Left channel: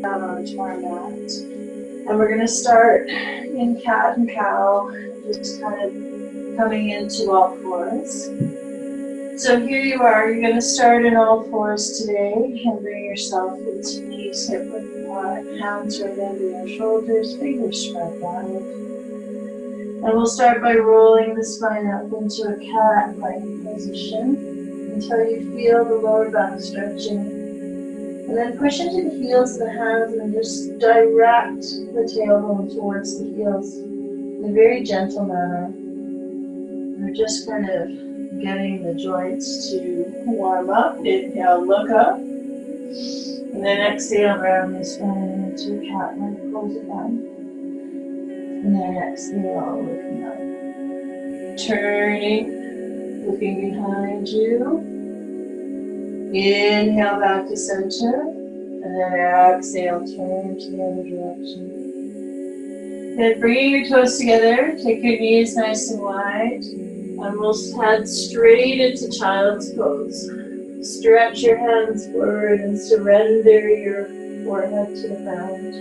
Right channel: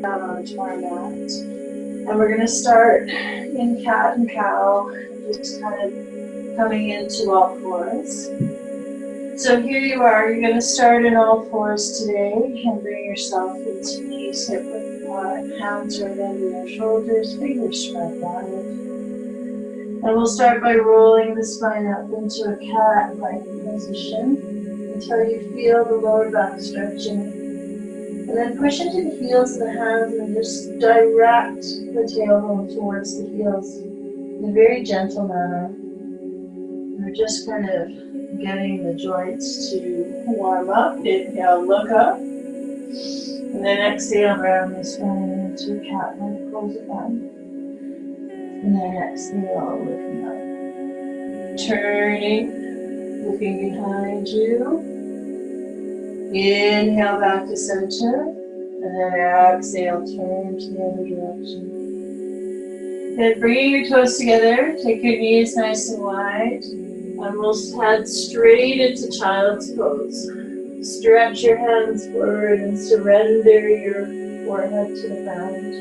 down onto our mat. And we're going to start in cat and cow, just kind of coming into all fours. So here you are, you're going to start in all fours today and bring yourself into knees, hip width apart, hands right under your shoulders, fingers spread wide. And we'll start by rolling the spine up into a cat-like position until you feel the lower back stretching. And then push into the heels of the hands and just direct the tailbone towards the heels in a very gentle manner. We're just kind of getting the joints to warm up. Inhale, look up. And then exhale, round the spine into a cat-like pose again. And then exhale, looking up. Turning, looking behind you. Inhale back to center, and then exhale, turn to the other direction. Then bringing your toes together, take your knees nice and wide, and we'll head straight into child's pose. Stretch your hands forward and surrender your forehead to the ground.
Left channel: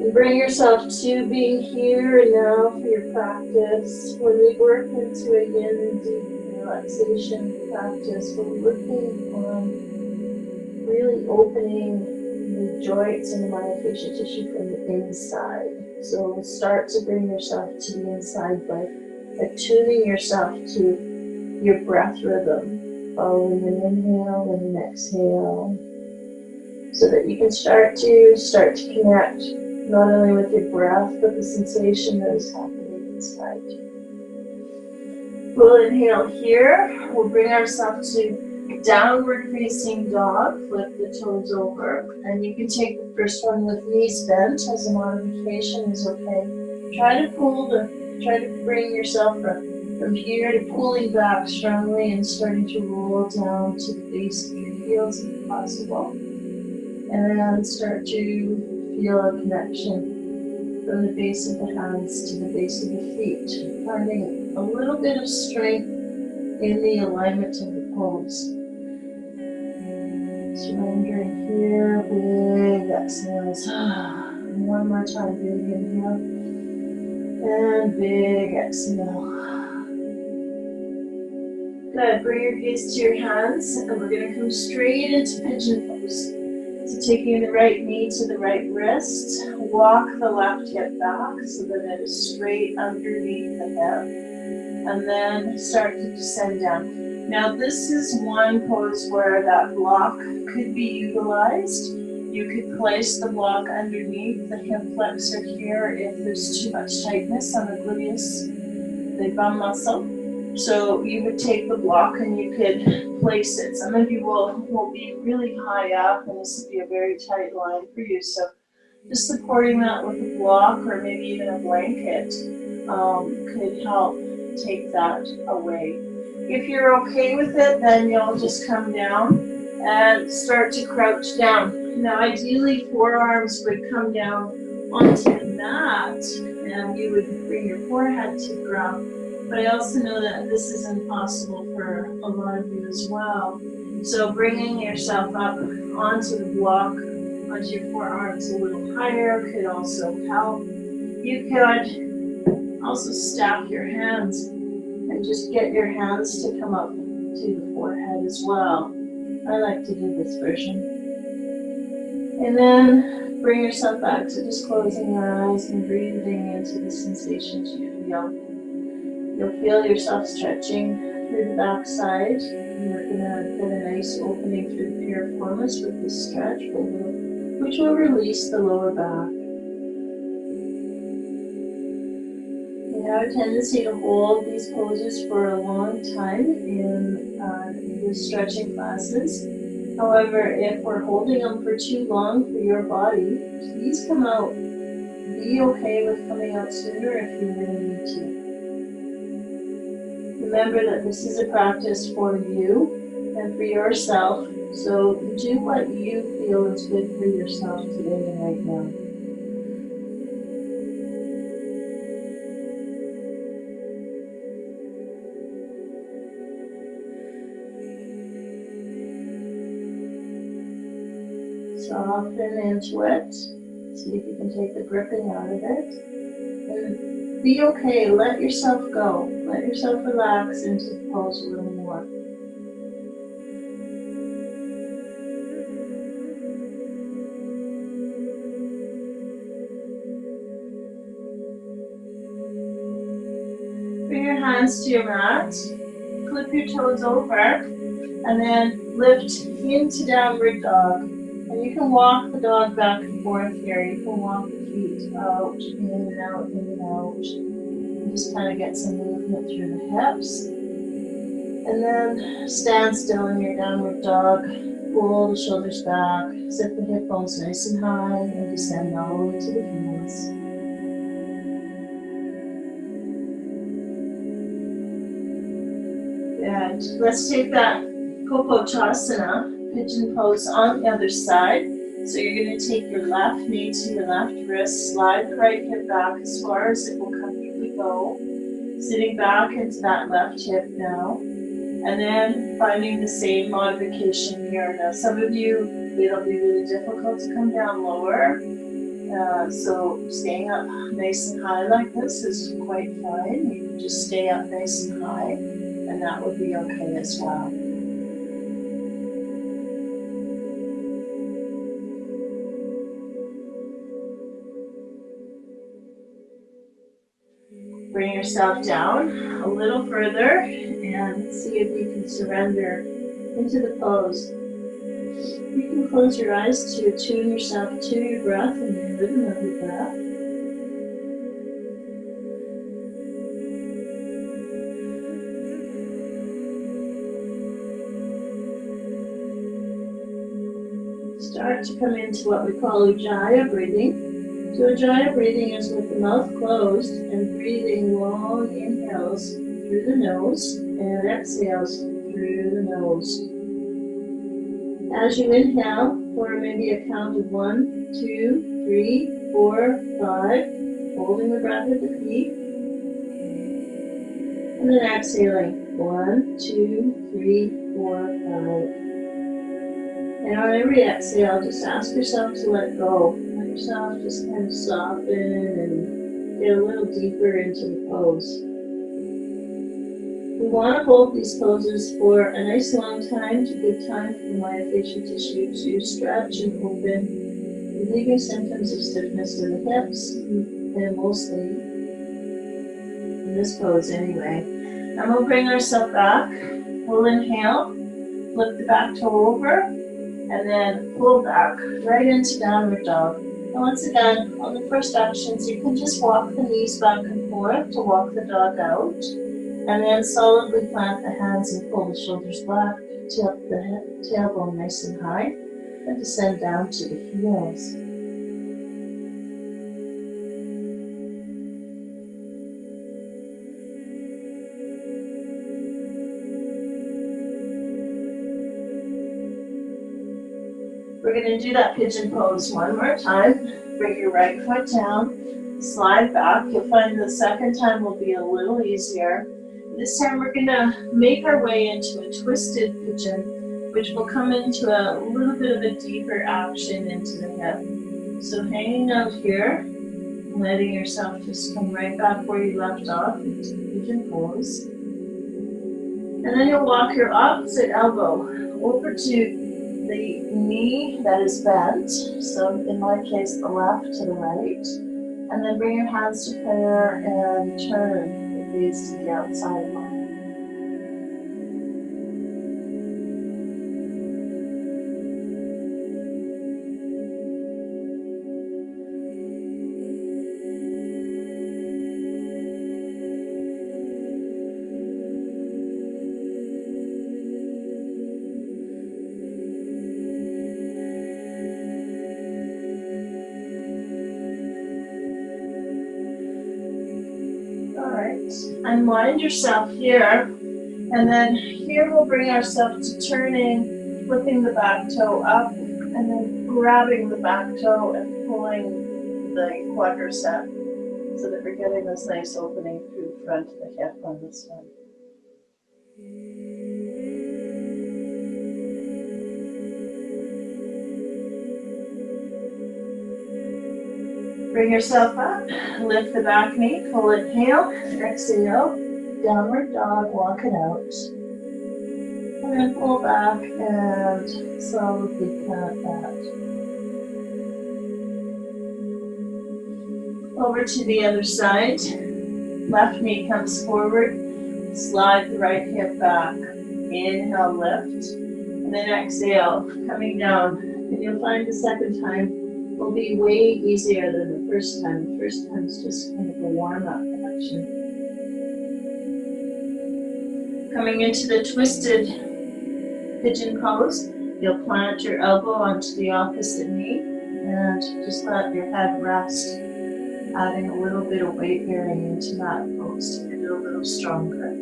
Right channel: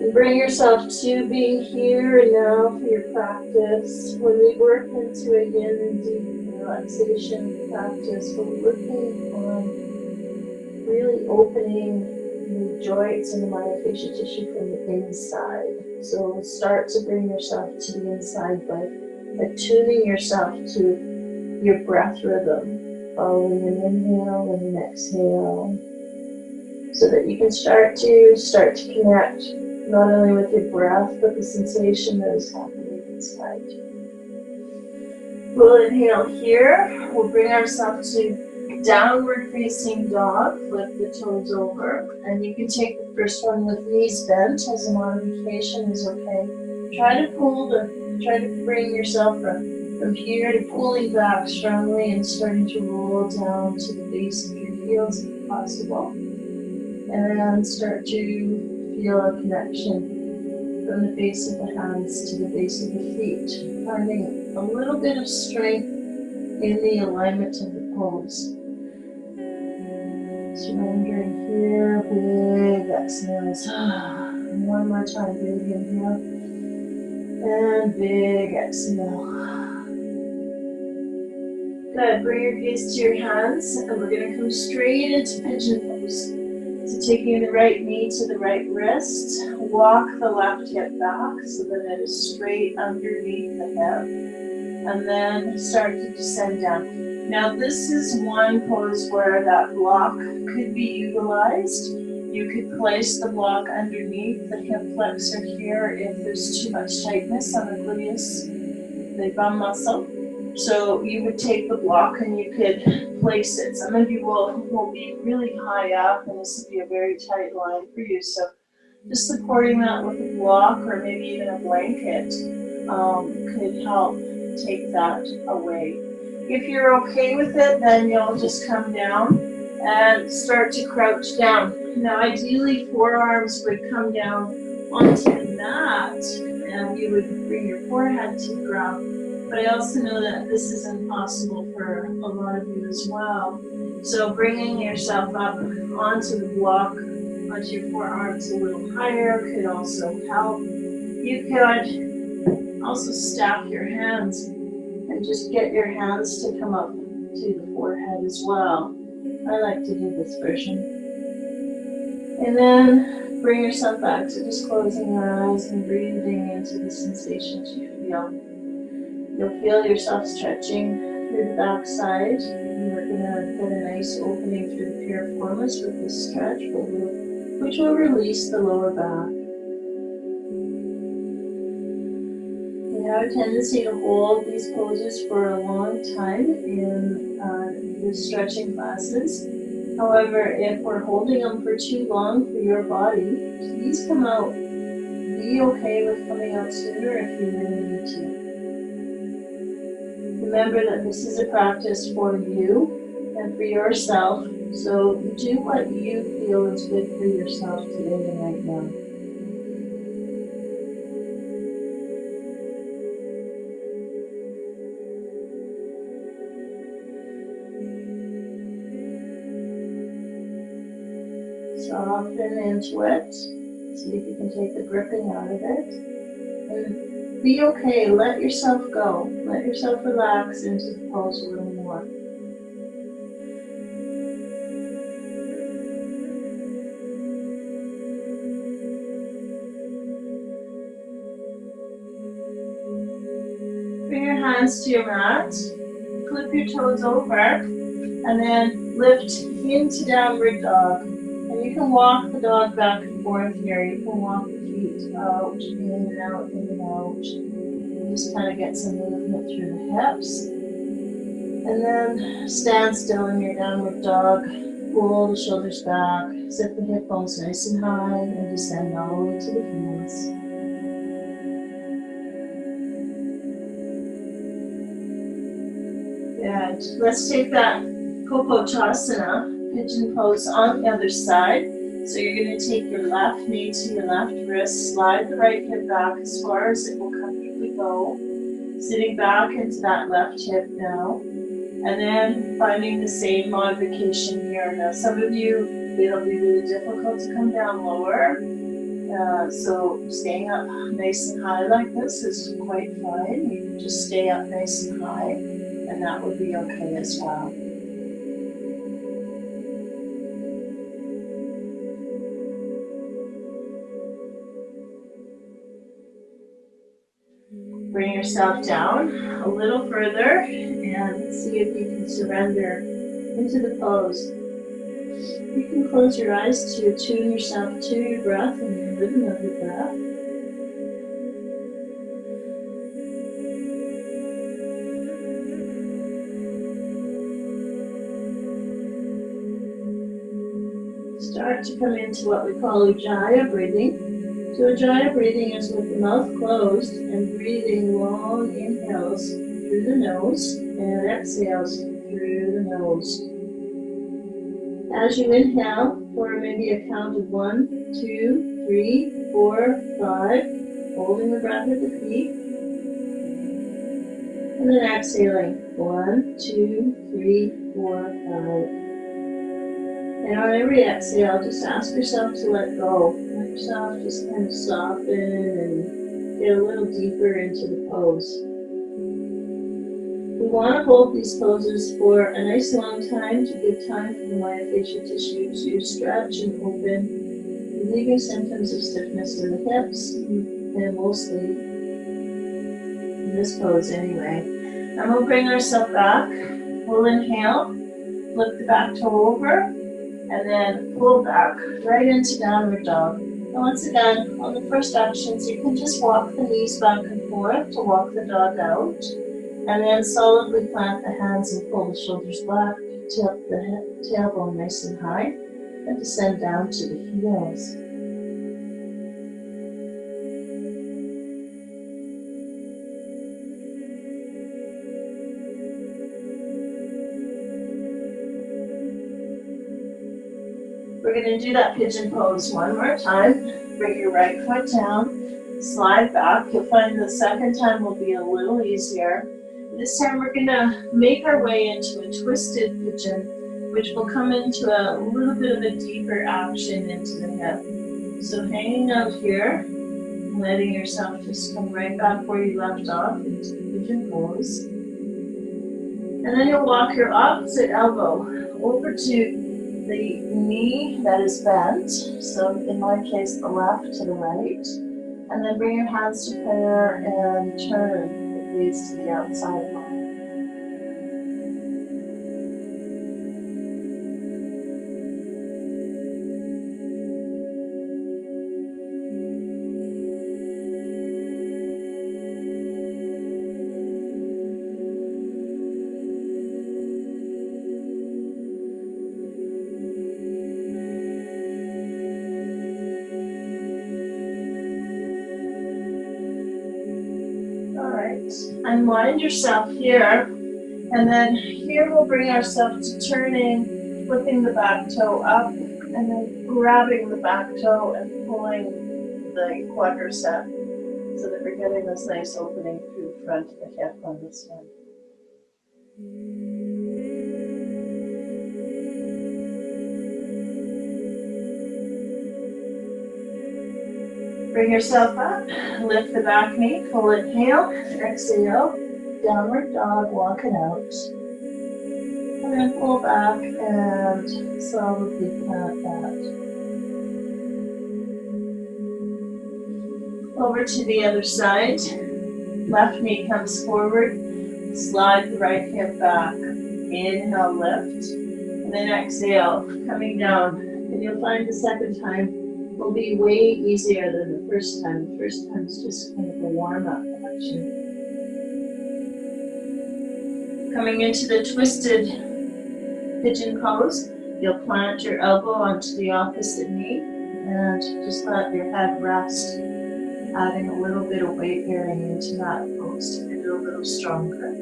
And bring yourself to being here and now for your practice. When we work into a yin deep relaxation practice, we're working on really opening the joints and the myofascial tissue from the inside. So start to bring yourself to the inside by attuning yourself to your breath rhythm, following an inhale and an exhale, so that you can start to connect not only with your breath, but the sensation that is happening inside. We'll inhale here. We'll bring ourselves to downward facing dog. Flip the toes over. And you can take the first one with knees bent as a modification is okay. Try to bring yourself from here to pulling back strongly and starting to roll down to the base of your heels if possible. And then start to feel a connection from the base of the hands to the base of the feet, finding a little bit of strength in the alignment of the pose. Surrendering here, big exhales. One more time, big inhale. And big exhale. Good, bring your gaze to your hands, and we're going to come straight into pigeon pose. So taking the right knee to the right wrist, walk the left hip back so that it is straight underneath the hip, and then start to descend down. Now this is one pose where that block could be utilized. You could place the block underneath the hip flexor here if there's too much tightness on the gluteus, the bum muscle. So you would take the block and you could place it. Some of you will be really high up and this would be a very tight line for you. So just supporting that with a block or maybe even a blanket could help take that away. If you're okay with it, then you'll just come down and start to crouch down. Now ideally forearms would come down onto the mat and you would bring your forehead to the ground. But I also know that this is impossible for a lot of you as well. So bringing yourself up onto the block, onto your forearms a little higher could also help. You could also stack your hands and just get your hands to come up to the forehead as well. I like to do this version. And then bring yourself back to just closing your eyes and breathing into the sensations you feel. You'll feel yourself stretching through the back side. You're going to get a nice opening through the piriformis with this stretch, which will release the lower back. We have a tendency to hold these poses for a long time in the stretching classes. However, if we're holding them for too long for your body, please come out. Be okay with coming out sooner if you really need to. Remember that this is a practice for you and for yourself, so do what you feel is good for yourself today and right now. Soften into it. See if you can take the gripping out of it. And be okay. Let yourself go. Let yourself relax into the pose a little more. Bring your hands to your mat. Flip your toes over. And then lift into downward dog. And you can walk the dog back and forth here. You can walk the feet out, in and out, in and out. And just kind of get some movement through the hips. And then stand still in your downward dog. Pull the shoulders back. Sit the hip bones nice and high and descend all the way to the heels. Good. Let's take that Kokochasana, pigeon pose on the other side. So you're going to take your left knee to your left wrist, slide the right hip back as far as it will comfortably go. Sitting back into that left hip now. And then finding the same modification here. Now some of you, it'll be really difficult to come down lower. So staying up nice and high like this is quite fine. You can just stay up nice and high. And that would be okay as well. Bring yourself down a little further and see if you can surrender into the pose. You can close your eyes to attune yourself to your breath and your rhythm of your breath. Start to come into what we call Ujjayi breathing. So Ujjayi breathing is with the mouth closed and breathing long inhales through the nose and exhales through the nose. As you inhale, for maybe a count of 1, 2, 3, 4, 5, holding the breath at the peak. And then exhaling, 1, 2, 3, 4, 5. And on every exhale, just ask yourself to let go. Let yourself just kind of soften and get a little deeper into the pose. We want to hold these poses for a nice long time to give time for the myofascial tissue to stretch and open, relieving symptoms of stiffness in the hips, and mostly in this pose anyway. And we'll bring ourselves back. We'll inhale, flip the back toe over, and then pull back right into downward dog. And once again, on the first actions, you can just walk the knees back and forth to walk the dog out. And then solidly plant the hands and pull the shoulders back, tip the tailbone nice and high, and descend down to the heels. We're going to do that pigeon pose one more time. Bring your right foot down, slide back. You'll find the second time will be a little easier. This time we're going to make our way into a twisted pigeon, which will come into a little bit of a deeper action into the hip. So hanging out here, letting yourself just come right back where you left off into the pigeon pose. And then you'll walk your opposite elbow over to the knee that is bent, so in my case the left to the right, and then bring your hands to prayer and turn the gaze to the outside line. Unwind yourself here, and then here we'll bring ourselves to turning, flipping the back toe up, and then grabbing the back toe and pulling the quadricep so that we're getting this nice opening through the front of the hip on this one. Bring yourself up, lift the back knee, full inhale, exhale, downward dog, walk it out. And then pull back and slowly plant that. Over to the other side. Left knee comes forward. Slide the right hip back. Inhale, lift. And then exhale, coming down. And you'll find the second time will be way easier than the first time. The first time is just kind of a warm-up action. Coming into the twisted pigeon pose, you'll plant your elbow onto the opposite knee and just let your head rest, adding a little bit of weight bearing into that pose to get it a little stronger.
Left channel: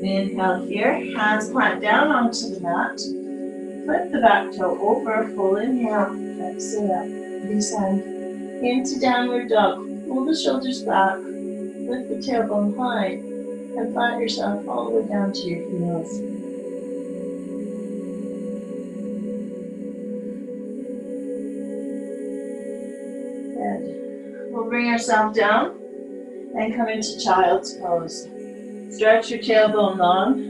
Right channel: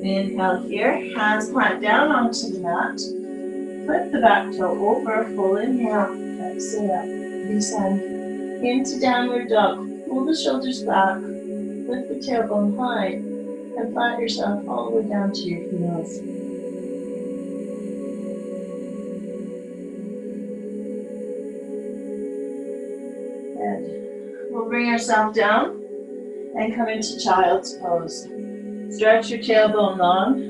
Inhale here, hands plant down onto the mat. Flip the back toe over, full inhale, exhale, descend into downward dog. Pull the shoulders back, lift the tailbone high, and flat yourself all the way down to your heels. And we'll bring ourselves down and come into child's pose. Stretch your tailbone long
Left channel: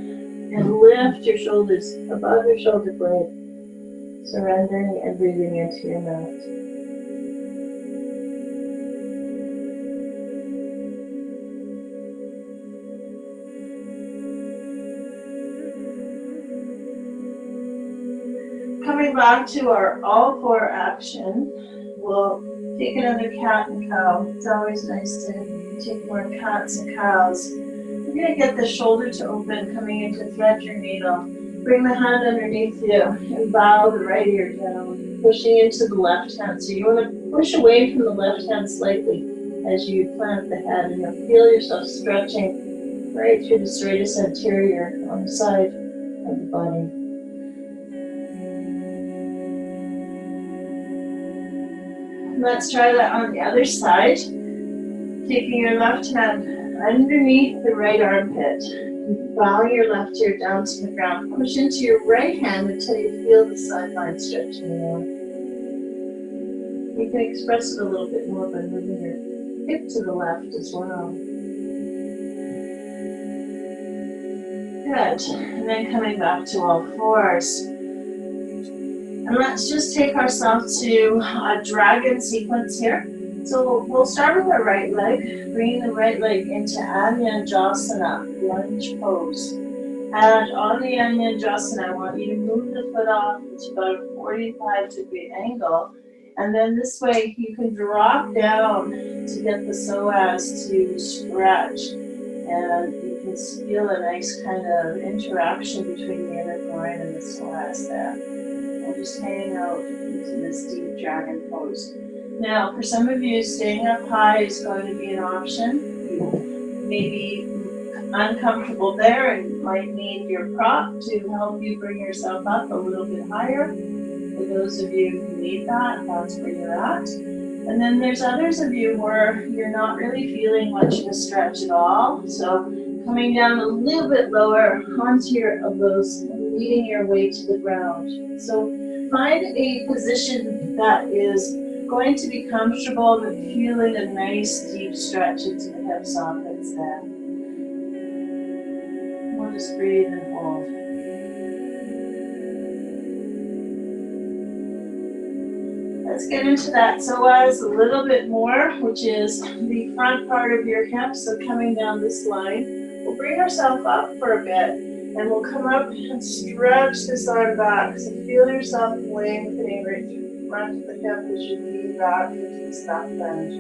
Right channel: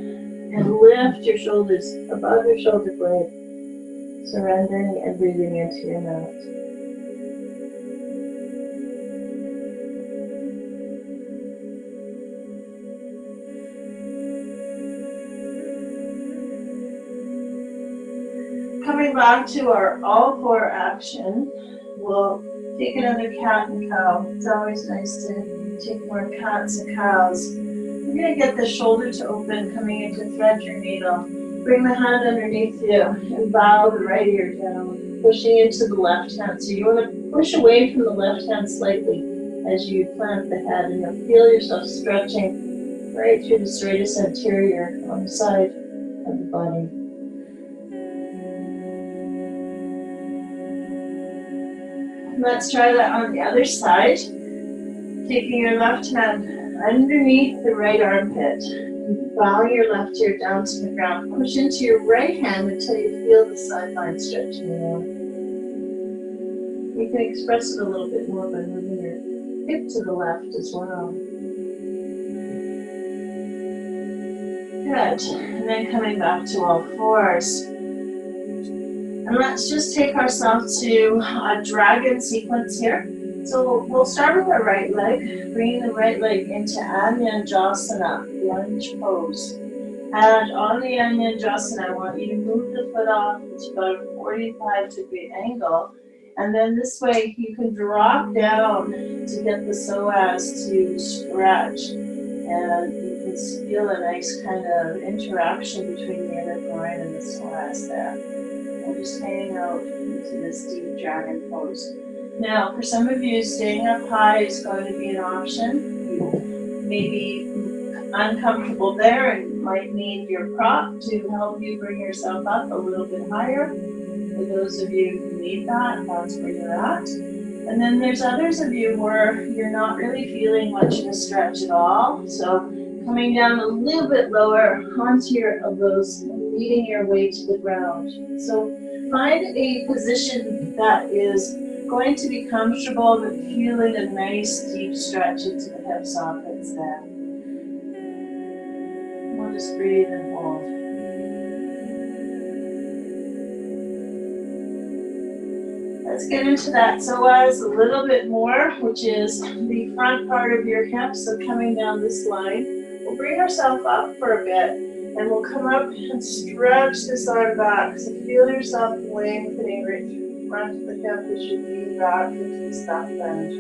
and lift your shoulders above your shoulder blade, surrendering and breathing into your mat. Coming back to our all four action, we'll take another cat and cow. It's always nice to take more cats and cows. You're going to get the shoulder to open, coming in to thread your needle. Bring the hand underneath you and bow the right ear down, pushing into the left hand. So you want to push away from the left hand slightly as you plant the head, and you'll feel yourself stretching right through the serratus anterior on the side of the body. Let's try that on the other side. Taking your left hand underneath the right armpit, and bowing your left ear down to the ground. Push into your right hand until you feel the sideline stretching out. You can express it a little bit more by moving your hip to the left as well. Good. And then coming back to all fours. And let's just take ourselves to a dragon sequence here. So we'll start with our right leg, bringing the right leg into Anyanjasana, lunge pose. And on the Anyanjasana, I want you to move the foot off to about a 45-degree angle. And then this way you can drop down to get the psoas to stretch. And you can feel a nice kind of interaction between the inner groin and the psoas there. And just hang out into this deep dragon pose. Now, for some of you, staying up high is going to be an option. You may be uncomfortable there and might need your prop to help you bring yourself up a little bit higher. For those of you who need that, that's where you're at. And then there's others of you where you're not really feeling much of a stretch at all. So coming down a little bit lower onto your elbows and leading your weight to the ground. So find a position that is going to be comfortable, but feeling a nice deep stretch into the hip sockets there. We'll just breathe and hold. Let's get into that psoas a little bit more, which is the front part of your hip. So coming down this line, we'll bring ourselves up for a bit, and we'll come up and stretch this arm back. So feel yourself lengthening right through front of the hip as you lean back into this back bend.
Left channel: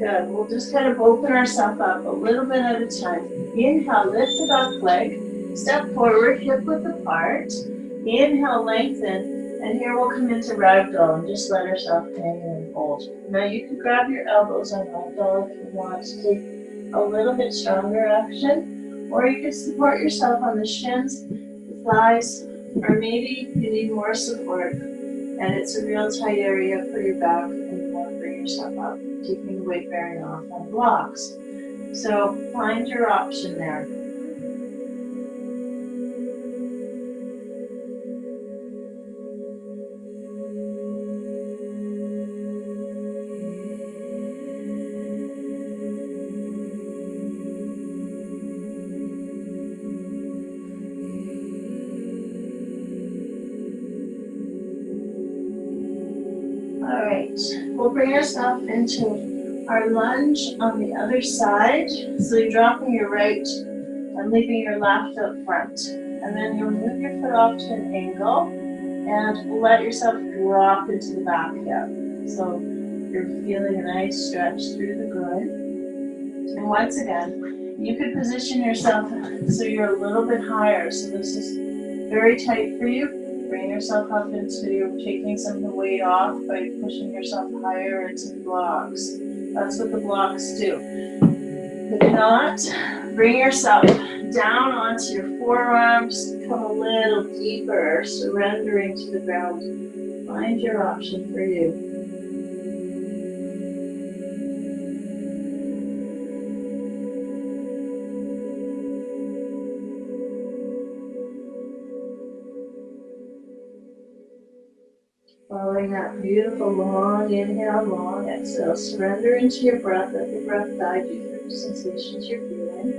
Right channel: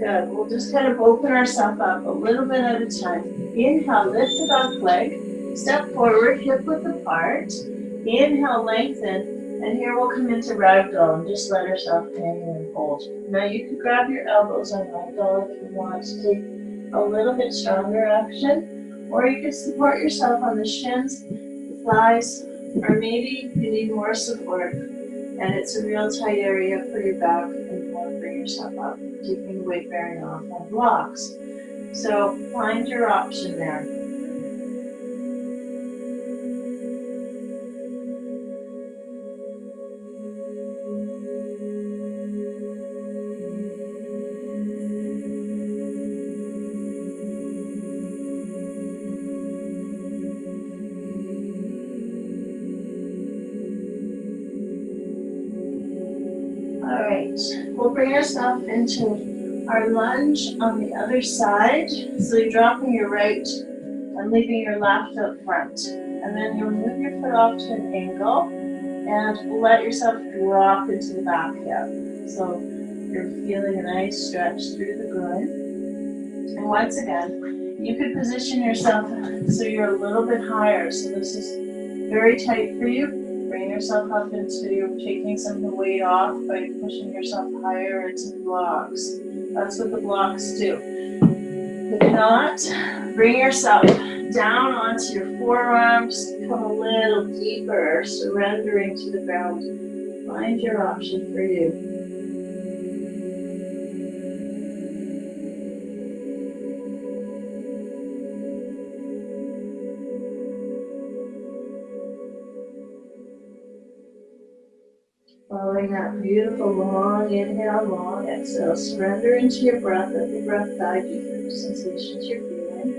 Good. We'll just kind of open ourselves up a little bit at a time. Inhale, lift the back leg. Step forward, hip width apart. Inhale, lengthen. And here we'll come into ragdoll and just let ourselves hang and hold. Now you can grab your elbows on ragdoll if you want to take a little bit stronger action. Or you can support yourself on the shins, the thighs, or maybe you need more support And it's a real tight area for your back, and you want to bring yourself up, taking the weight bearing off on blocks. So find your option there. All right, we'll bring ourselves into our lunge on the other side. So you're dropping your right and leaving your left up front. And then you'll move your foot off to an angle and let yourself drop into the back hip. So you're feeling a nice stretch through the groin. And once again, you could position yourself so you're a little bit higher. So this is very tight for you. Bring yourself up into taking some of the weight off by pushing yourself higher into blocks. That's what the blocks do. If not, bring yourself down onto your forearms, come a little deeper, surrendering to the ground. Find your option for you. Following that beautiful long inhale, long exhale, surrender into your breath. Let the breath guide you through the sensations you're feeling.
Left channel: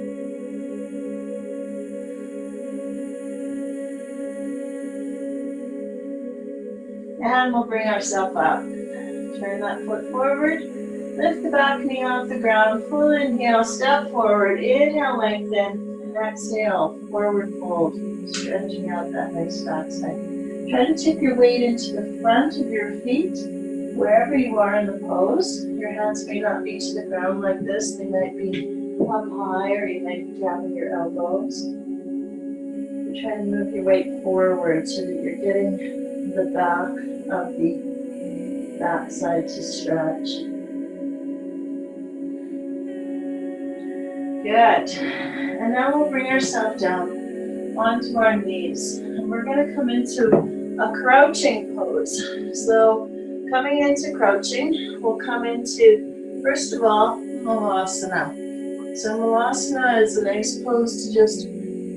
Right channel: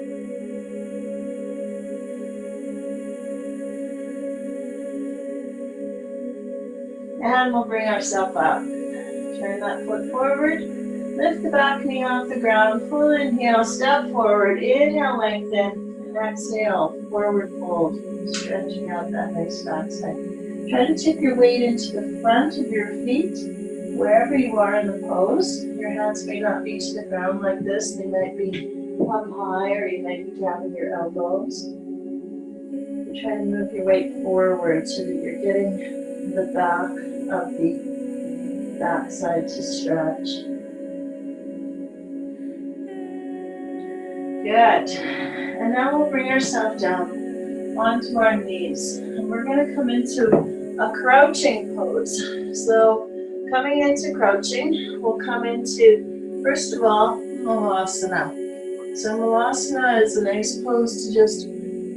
And we'll bring ourselves up. Turn that foot forward. Lift the back knee off the ground. Full inhale, step forward. Inhale, lengthen. Exhale, forward fold. Stretching out that nice backside. Try to tip your weight into the front of your feet, wherever you are in the pose. Your hands may not be to the ground like this. They might be up high, or you might be grabbing your elbows. You try to move your weight forward so that you're getting the back of the backside to stretch. Good. And now we'll bring ourselves down onto our knees. And we're going to come into a crouching pose. So coming into crouching, we'll come into, first of all, Malasana. So Malasana is a nice pose to just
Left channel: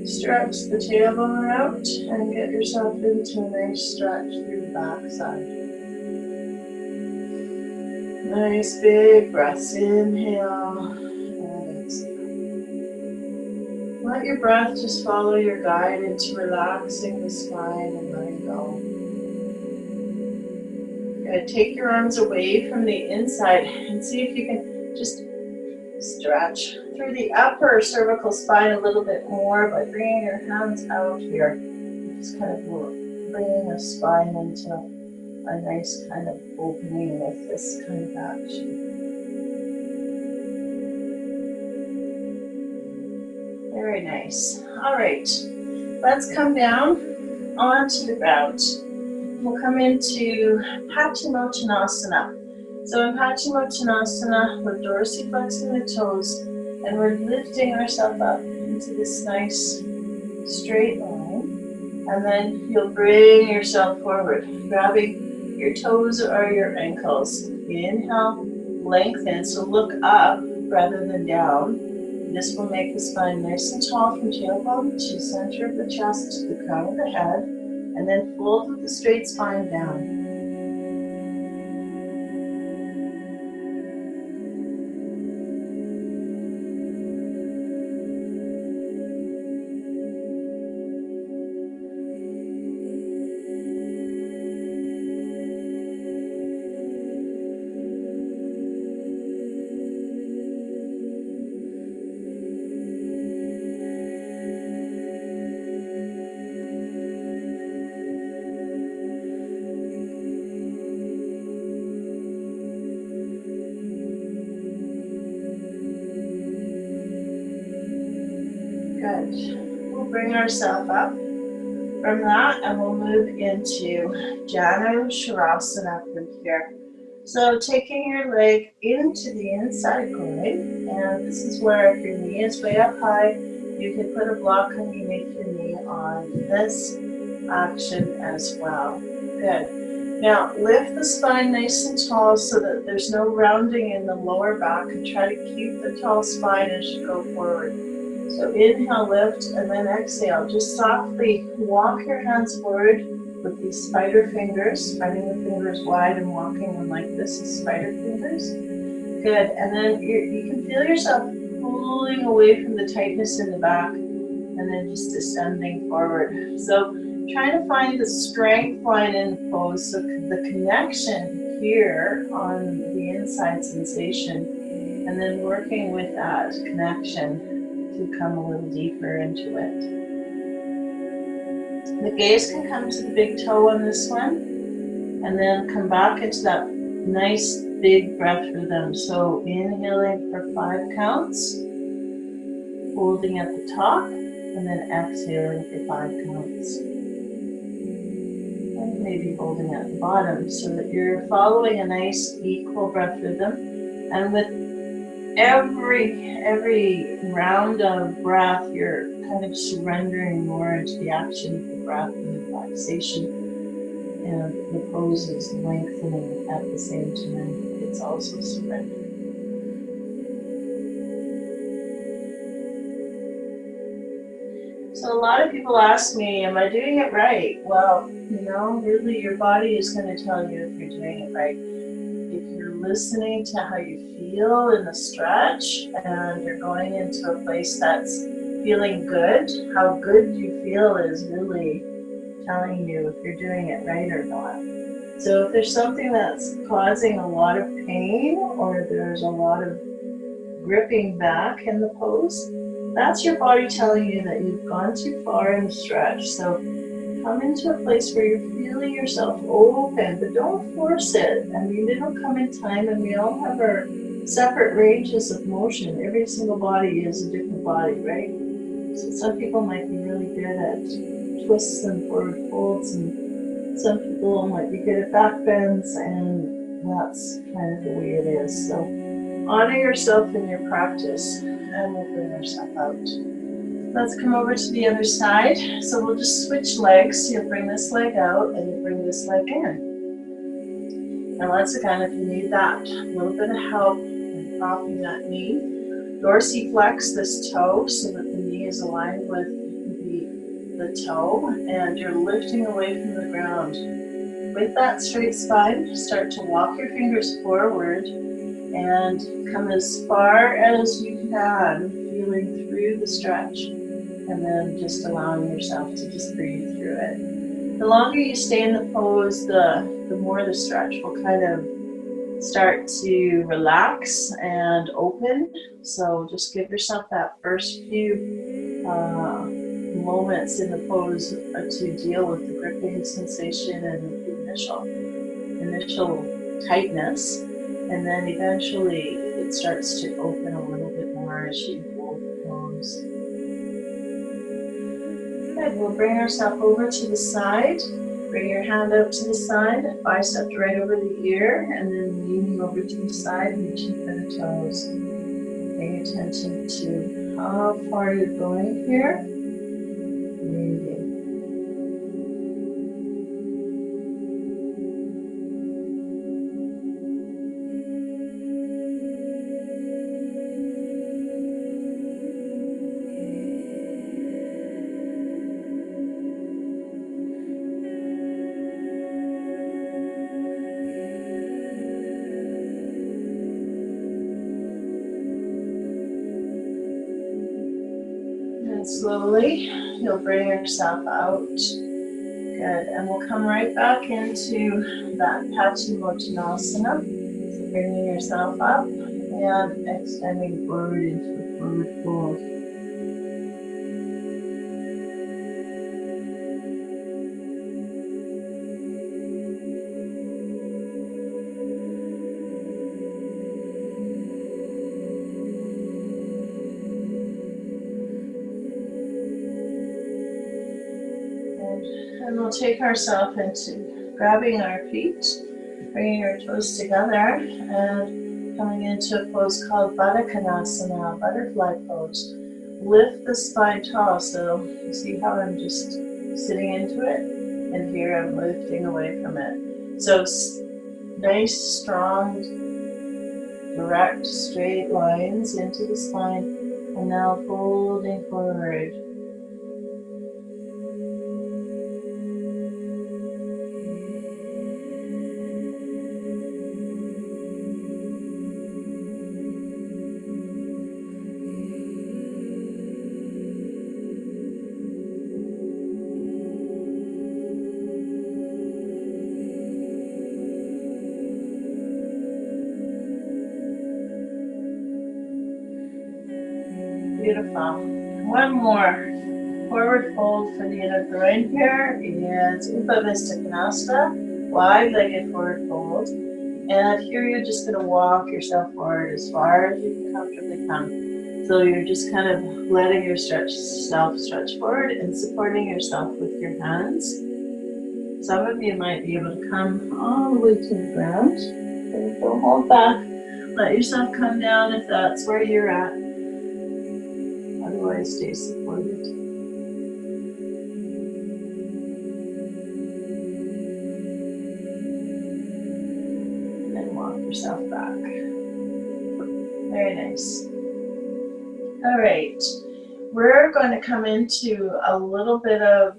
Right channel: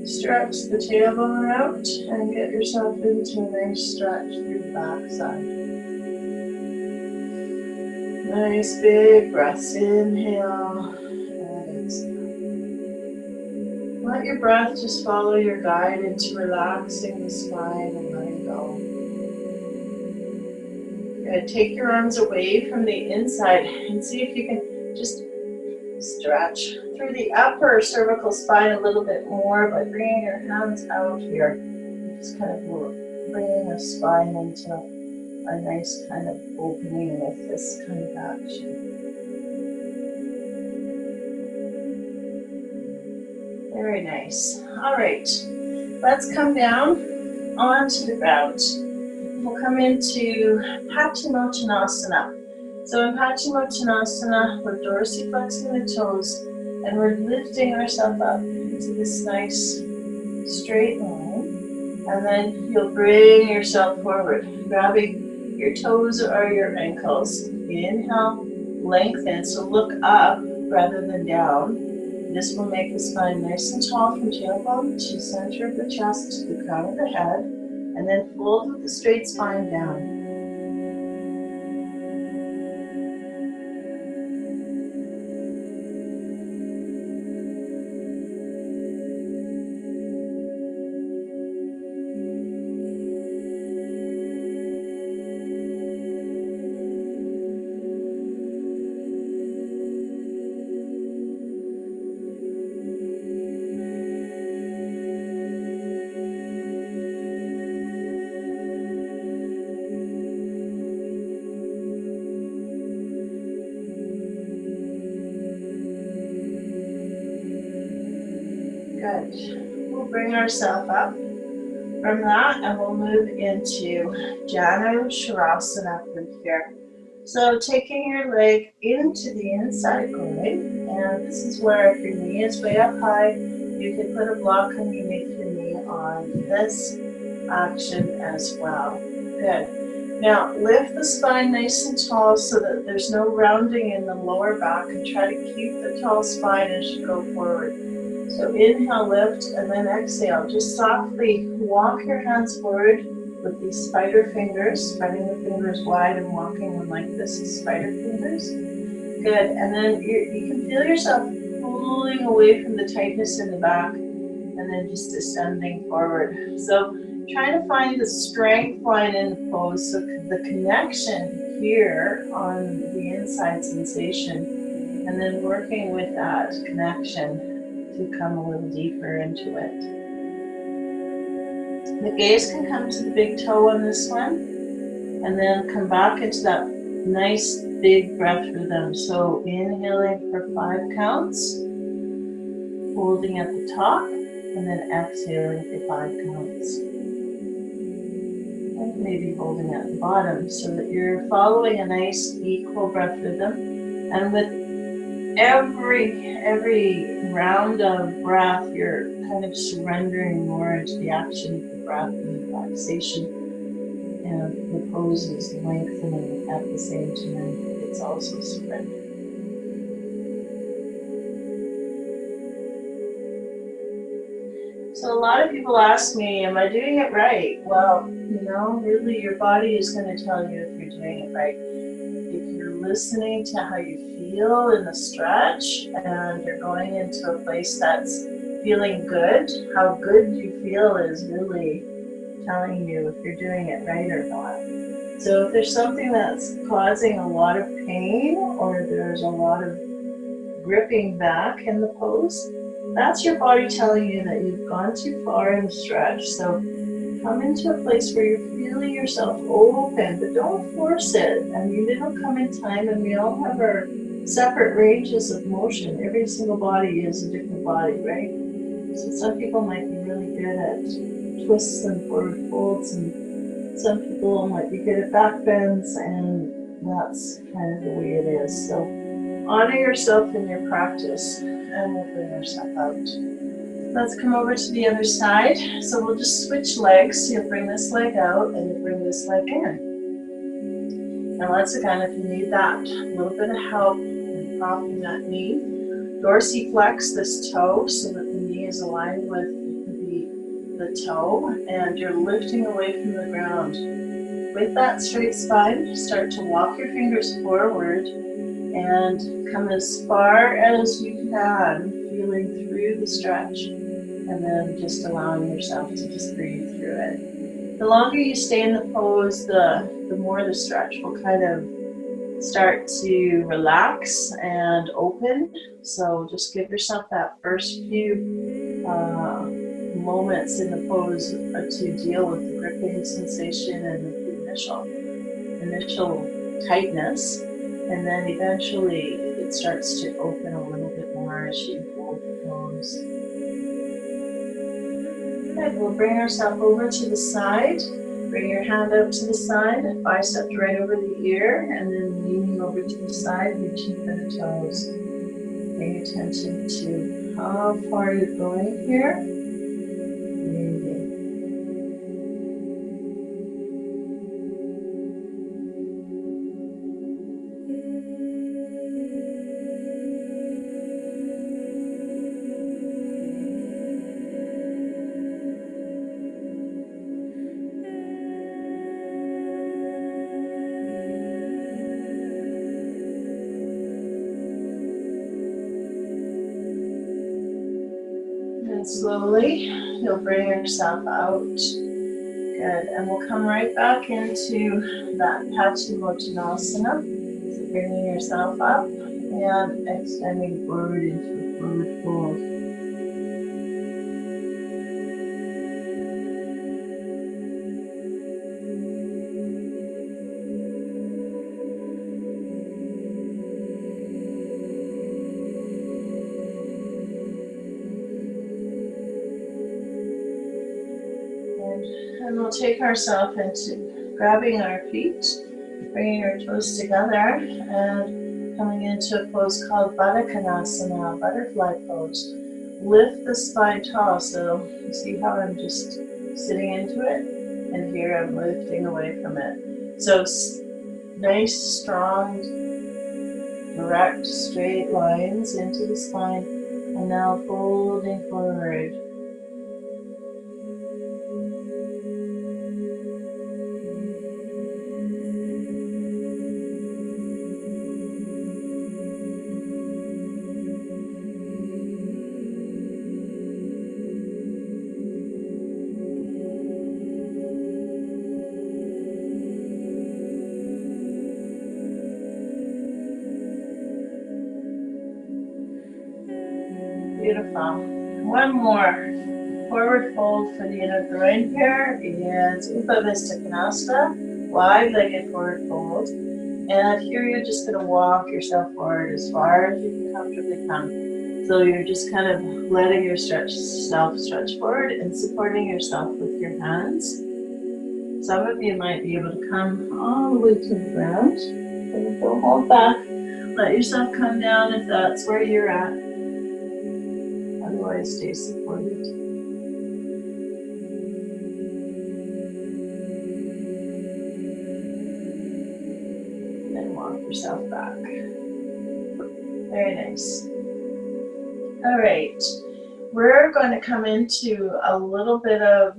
stretch the tailbone out and get yourself into a nice stretch through the backside. Nice big breaths. Inhale and exhale. Let your breath just follow your guide into relaxing the spine and letting go. Good. Take your arms away from the inside and see if you can just stretch through the upper cervical spine a little bit more by bringing your hands out here. Just kind of bringing the spine into a nice kind of opening with this kind of action. Very nice. All right, let's come down onto the ground. We'll come into Paschimottanasana. So in Paschimottanasana, we're dorsiflexing the toes and we're lifting ourselves up into this nice straight line. And then you'll bring yourself forward, grabbing your toes or your ankles. Inhale, lengthen, so look up rather than down. This will make the spine nice and tall from tailbone to center of the chest to the crown of the head, and then fold with the straight spine down. Good. We'll bring ourselves up from that and we'll move into Janu Shavasana from here. So taking your leg into the inside groin, and this is where if your knee is way up high, you can put a block underneath your knee on this action as well. Good. Now lift the spine nice and tall so that there's no rounding in the lower back, and try to keep the tall spine as you go forward. So inhale, lift, and then exhale. Just softly walk your hands forward with these spider fingers, spreading the fingers wide and walking them like this, spider fingers. Good, and then you can feel yourself pulling away from the tightness in the back and then just descending forward. So trying to find the strength line in the pose, so the connection here on the inside sensation, and then working with that connection to come a little deeper into it. The gaze can come to the big toe on this one, and then come back into that nice big breath rhythm. So inhaling for 5 counts, holding at the top, and then exhaling for 5 counts. And maybe holding at the bottom, so that you're following a nice equal breath rhythm. And with every round of breath, you're kind of surrendering more into the action of the breath and the relaxation. And the pose is lengthening at the same time. It's also surrender. So a lot of people ask me, am I doing it right? Well, really your body is going to tell you if you're doing it right. If you're listening to how you feel in the stretch and you're going into a place that's feeling good, how good you feel is really telling you if you're doing it right or not. So if there's something that's causing a lot of pain, or there's a lot of gripping back in the pose, that's your body telling you that you've gone too far in the stretch. So come into a place where you're feeling yourself open, but don't force it. I mean, it'll come in time, and we all have our separate ranges of motion. Every single body is a different body, right? So some people might be really good at twists and forward folds, and some people might be good at back bends, and that's kind of the way it is. So honor yourself in your practice, and we'll bring ourselves out. Let's come over to the other side. So we'll just switch legs. You'll bring this leg out and you bring this leg in. And once again, if you need that little bit of help in propping that knee, dorsiflex this toe so that the knee is aligned with the toe, and you're lifting away from the ground. With that straight spine, start to walk your fingers forward and come as far as you can, feeling through the stretch, and then just allowing yourself to just breathe through it. The longer you stay in the pose, the more the stretch will kind of start to relax and open. So just give yourself that first few moments in the pose to deal with the gripping sensation and the initial tightness, and then eventually it starts to open a little bit more as you hold the pose. Good. We'll bring ourselves over to the side. Bring your hand out to the side, bicep right over the ear, and then leaning over to the side, reaching for the toes. Paying attention to how far you're going here. Breathing. And slowly, you'll bring yourself out. Good. And we'll come right back into that Paschimottanasana. So bringing yourself up and extending forward into a forward fold. And we'll take ourselves into grabbing our feet, bringing our toes together, and coming into a pose called Baddha Konasana, butterfly pose. Lift the spine tall, so you see how I'm just sitting into it, and here I'm lifting away from it. So nice, strong, direct, straight lines into the spine. And now folding forward. Beautiful. One more. Forward fold for the inner groin here. And Upavista Konasana. Wide-legged forward fold. And here you're just going to walk yourself forward as far as you can comfortably come. So you're just kind of letting yourself stretch forward and supporting yourself with your hands. Some of you might be able to come all the way to the ground. So don't hold back. Let yourself come down if that's where you're at. Otherwise, stay supported. And then walk yourself back. Very nice. All right. We're going to come into a little bit of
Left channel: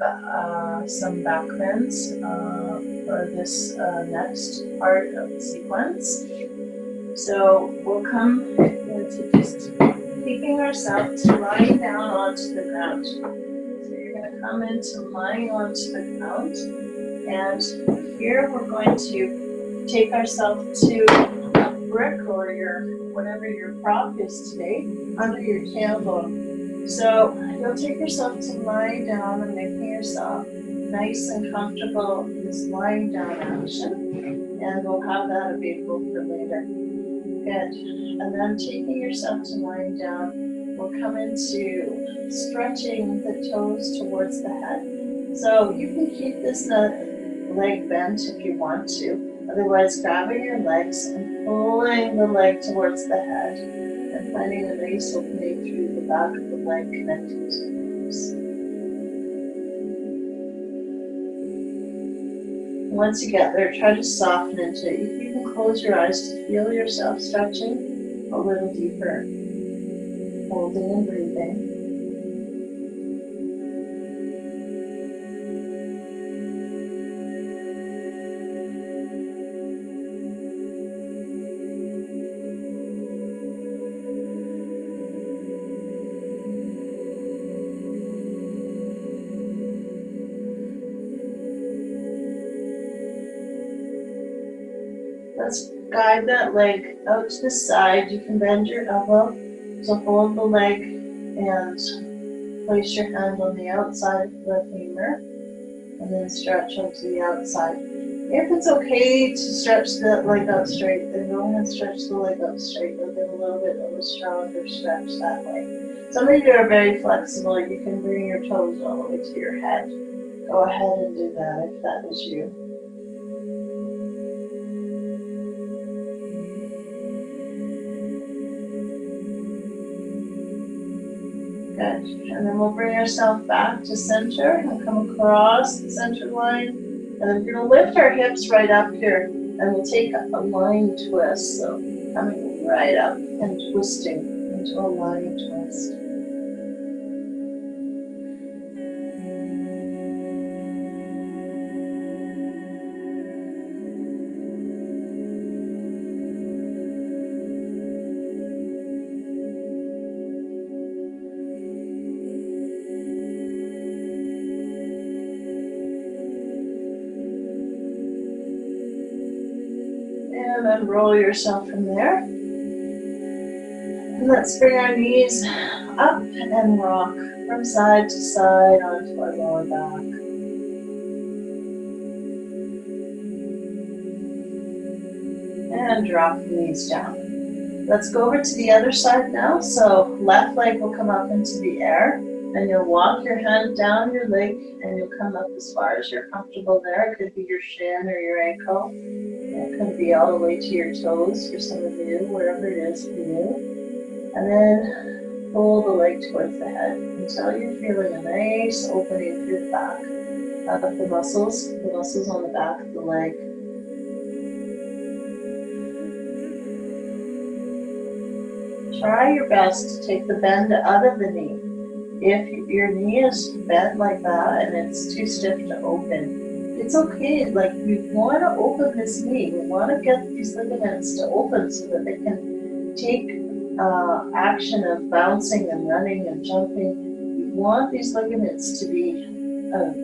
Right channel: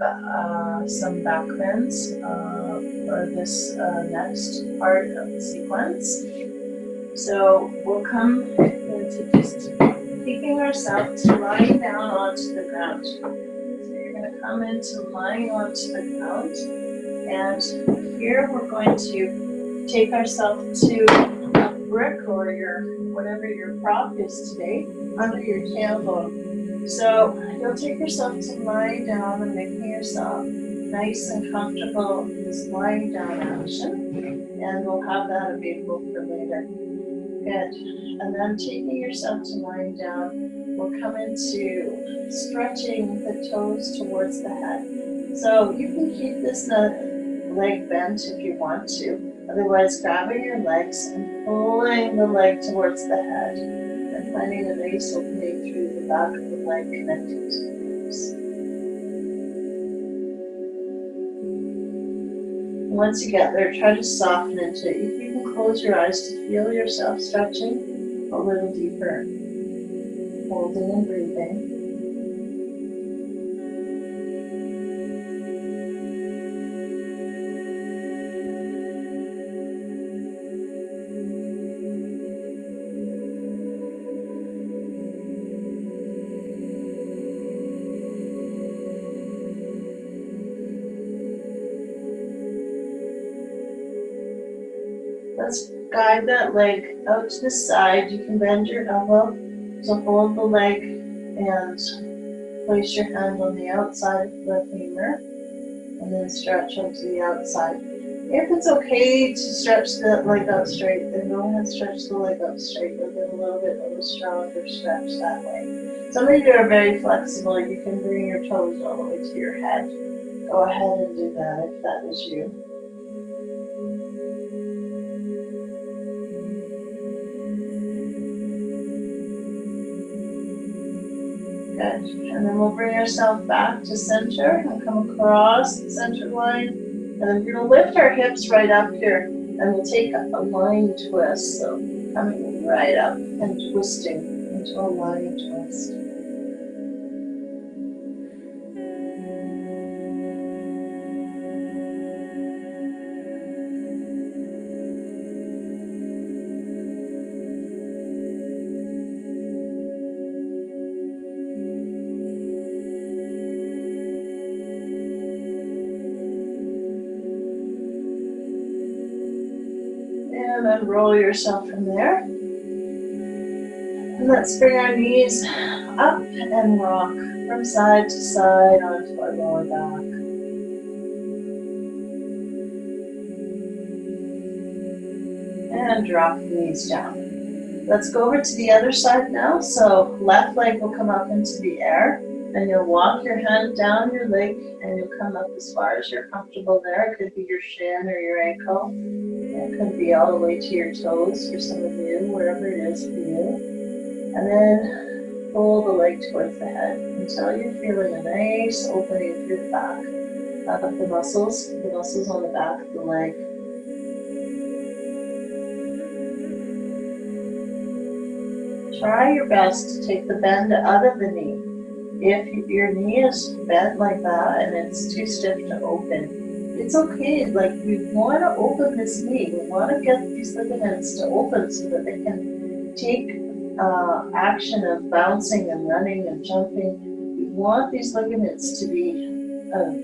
some back bends for this next part of the sequence. So we'll come into just keeping ourselves lying down onto the ground. So you're going to come into lying onto the ground, and here we're going to take ourselves to a brick or whatever your prop is today under your tailbone. So you'll take yourself to lying down and making yourself nice and comfortable in this lying down action, and we'll have that available for later. Good. And then taking yourself to lying down, we'll come into stretching the toes towards the head. So you can keep this leg bent if you want to. Otherwise, grabbing your legs and pulling the leg towards the head and finding a nice opening through the back of the leg connecting to the ribs. Once you get there, try to soften into it. You can close your eyes to feel yourself stretching a little deeper, holding and breathing. Let's guide that leg out to the side. You can bend your elbow to hold the leg and place your hand on the outside of the femur and then stretch out to the outside. If it's okay to stretch the leg out straight, then go ahead and stretch the leg out straight. You'll get a little bit of a stronger stretch that way. Some of you are very flexible. You can bring your toes all the way to your head. Go ahead and do that if that is you. Good. And then we'll bring ourselves back to center and come across the center line. And then we're going to lift our hips right up here. And we'll take a lying twist. So coming right up and twisting into a lying twist. And then roll yourself from there. And let's bring our knees up and rock from side to side onto our lower back. And drop the knees down. Let's go over to the other side now. So left leg will come up into the air. And you'll walk your hand down your leg and you'll come up as far as you're comfortable there. It could be your shin or your ankle. It could be all the way to your toes for some of you, wherever it is for you. And then pull the leg towards the head until you're feeling a nice opening through the back of the muscles on the back of the leg. Try your best to take the bend out of the knee. If your knee is bent like that and it's too stiff to open, it's okay. Like, we want to open this knee. We want to get these ligaments to open so that they can take action of bouncing and running and jumping. We want these ligaments to be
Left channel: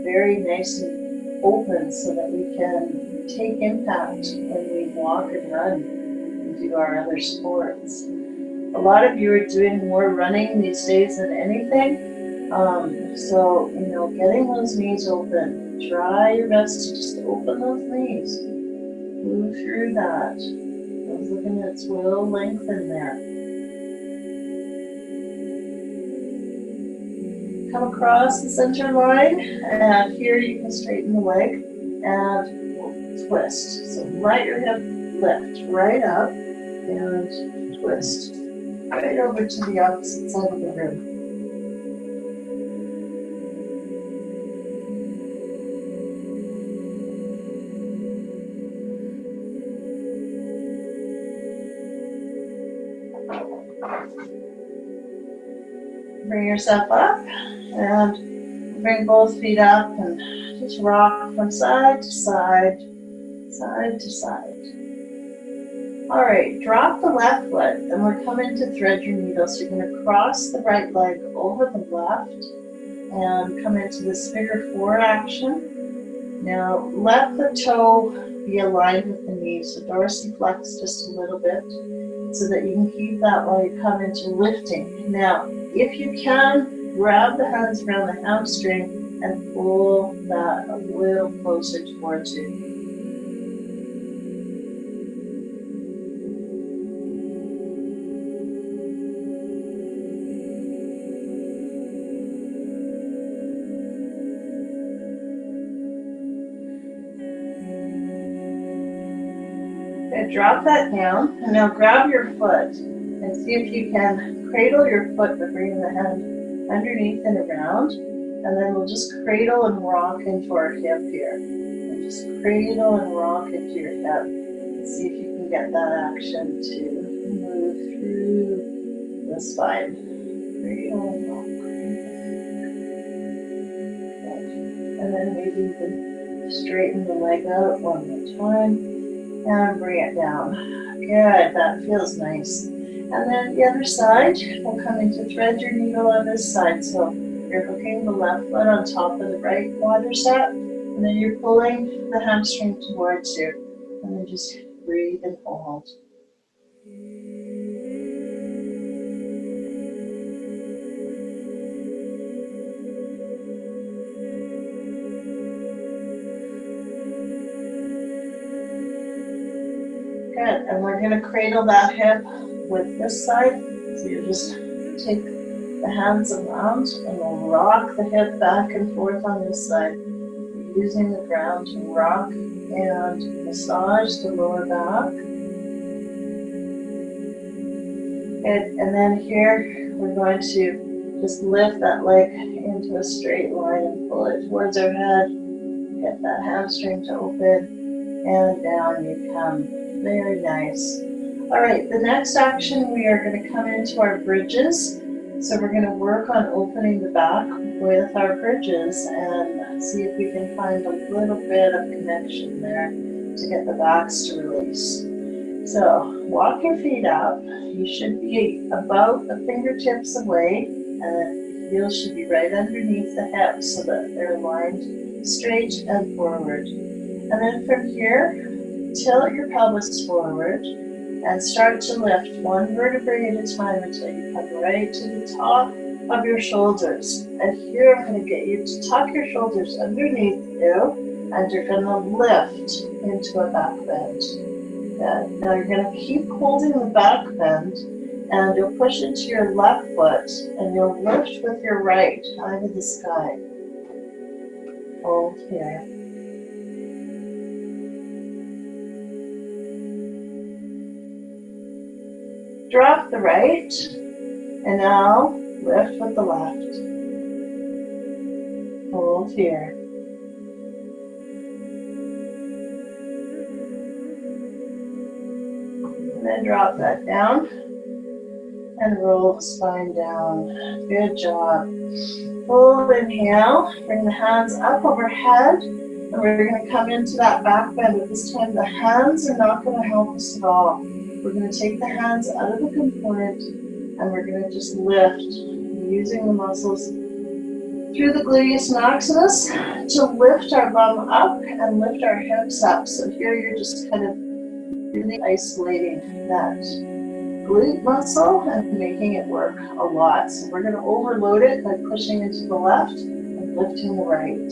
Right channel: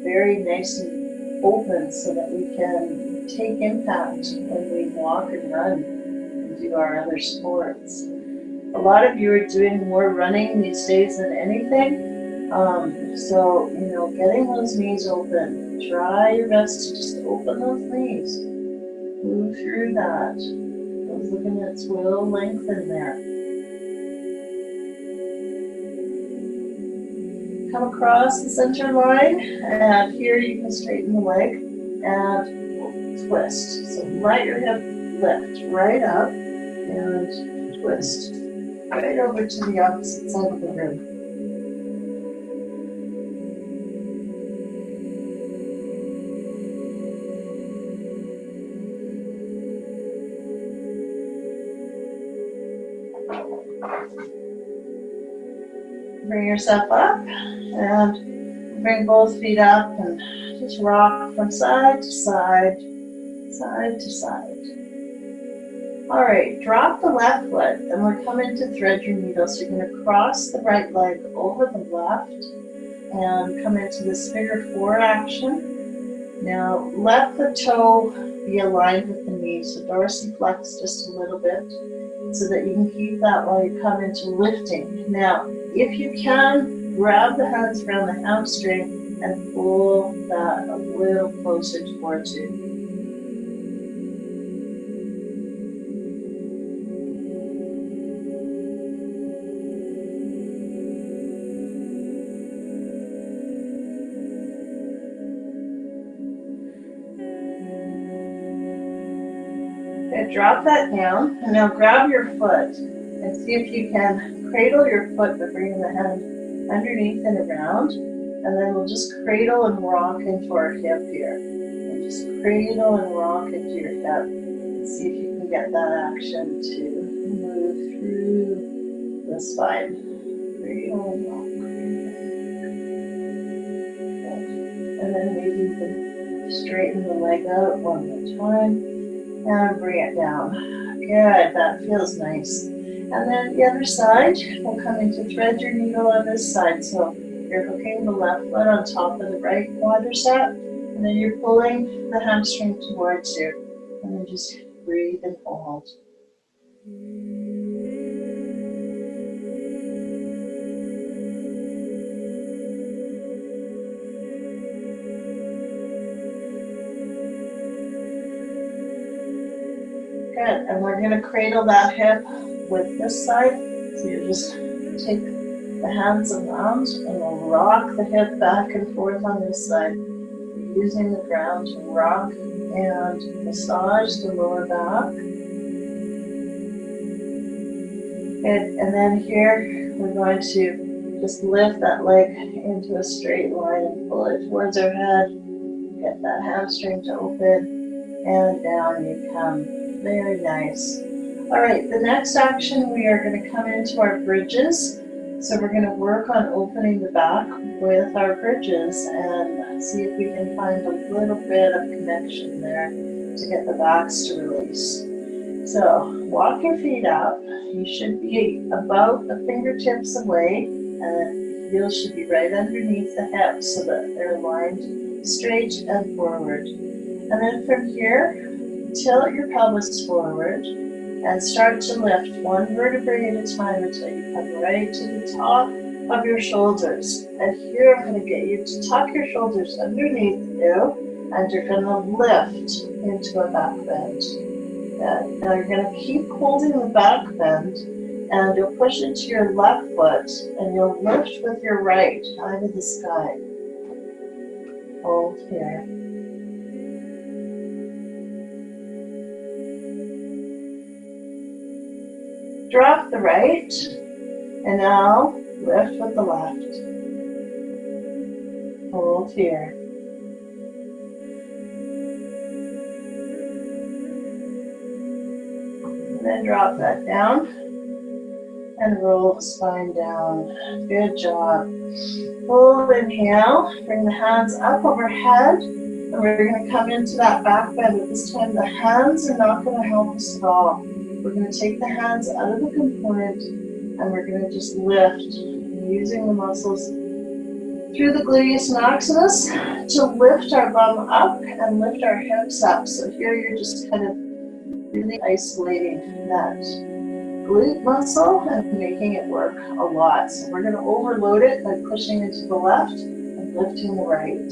very nice and open so that we can take impact when we walk and run and do our other sports. A lot of you are doing more running these days than anything. So, getting those knees open. Try your best to just open those knees. Move through that. Those ligaments will lengthen there. Come across the center line, and here you can straighten the leg and we'll twist. So let your hip lift right up and twist right over to the opposite side of the room. Bring yourself up and bring both feet up and just rock from side to side, side to side. All right, drop the left foot and we're coming to thread your needle. So you're going to cross the right leg over the left and come into this figure four action. Now let the toe be aligned with the knee, so dorsiflex just a little bit so that you can keep that while you come into lifting. Now, if you can, grab the hands around the hamstring and pull that a little closer towards you. Okay, drop that down, and now grab your foot and see if you can cradle your foot by bringing the hand underneath and around, and then we'll just cradle and rock into our hip here. And just cradle and rock into your hip. And see if you can get that action to move through the spine. Cradle and rock. Good. And then maybe you can straighten the leg out one more time. And bring it down. Good, that feels nice. And then the other side, we'll come into thread your needle on this side. So you're hooking the left foot on top of the right quadricep, and then you're pulling the hamstring towards you. And then just breathe and hold. Good, and we're going to cradle that hip with this side. So you just take the hands around and we'll rock the hip back and forth on this side. We're using the ground to rock and massage the lower back. Good, and then here we're going to just lift that leg into a straight line and pull it towards our head. Get that hamstring to open, and down you come. Very nice. All right, the next action, we are going to come into our bridges. So we're going to work on opening the back with our bridges and see if we can find a little bit of connection there to get the backs to release. So walk your feet up. You should be about the fingertips away, and the heels should be right underneath the hips so that they're aligned straight and forward. And then from here, tilt your pelvis forward and start to lift one vertebrae at a time until you come right to the top of your shoulders. And here I'm going to get you to tuck your shoulders underneath you, and you're going to lift into a back bend. Good. Now you're going to keep holding the back bend, and you'll push into your left foot, and you'll lift with your right high to the sky. Hold here. Drop the right, and now lift with the left. Hold here. And then drop that down. And roll the spine down. Good job. Full inhale. Bring the hands up overhead. And we're going to come into that back bend. But this time the hands are not going to help us at all. We're going to take the hands out of the component and we're going to just lift using the muscles through the gluteus maximus to lift our bum up and lift our hips up. So here you're just kind of really isolating that glute muscle and making it work a lot. So we're going to overload it by pushing into the left and lifting the right.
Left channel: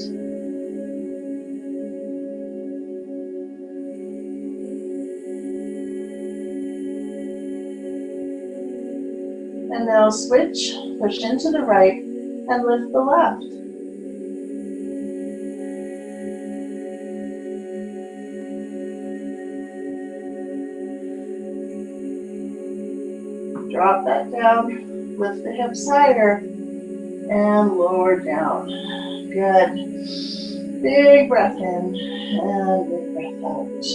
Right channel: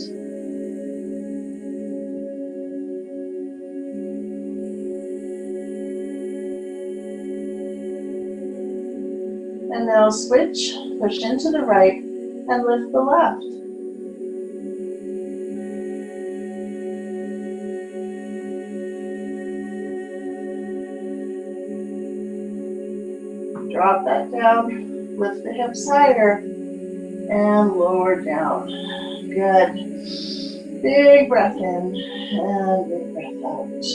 And now switch, push into the right and lift the left. Drop that down, lift the hips higher, and lower down. Good. Big breath in, and big breath out.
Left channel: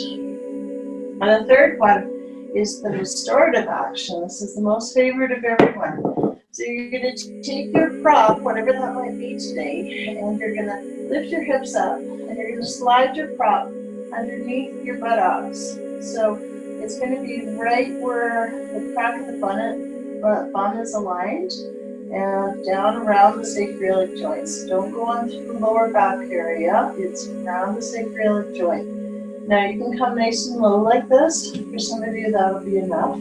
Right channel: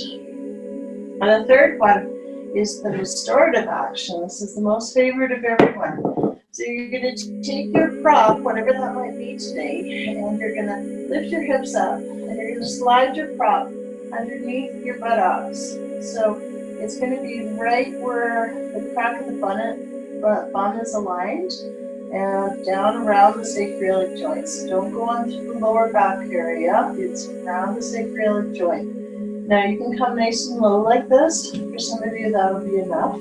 And the third one is the restorative action. This is the most favorite of everyone. So you're going to take your prop, whatever that might be today, and you're going to lift your hips up, and you're going to slide your prop underneath your buttocks. So it's going to be right where the crack of the bum is aligned, and down around the sacroiliac joints. Don't go on through the lower back area. It's around the sacroiliac joint. Now you can come nice and low like this. For some of you, that'll be enough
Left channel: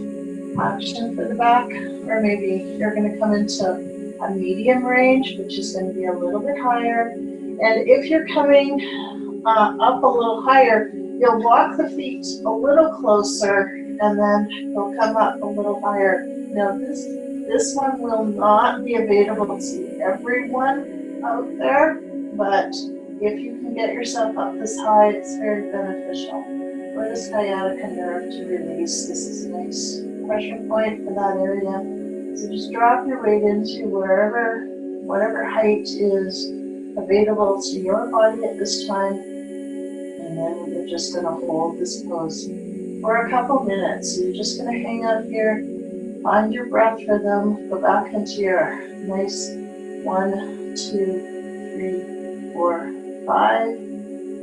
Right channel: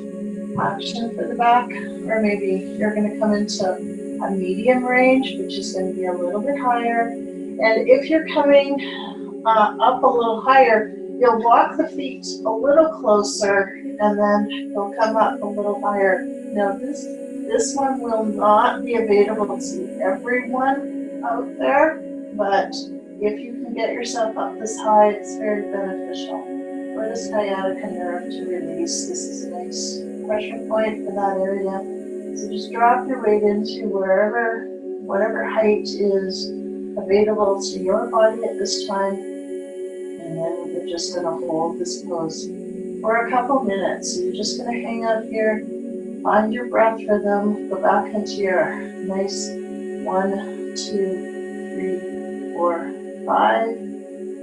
action for the back. Or maybe you're going to come into a medium range, which is going to be a little bit higher. And if you're coming up a little higher, you'll walk the feet a little closer, and then you'll come up a little higher. Now this one will not be available to everyone out there, but if you can get yourself up this high, it's very beneficial for the sciatica nerve to release. This is a nice pressure point for that area. So just drop your weight into whatever height is available to your body at this time. And then we're just going to hold this pose for a couple minutes. So you're just going to hang out here, find your breath rhythm, go back into your nice 1, 2, 3, 4, 5,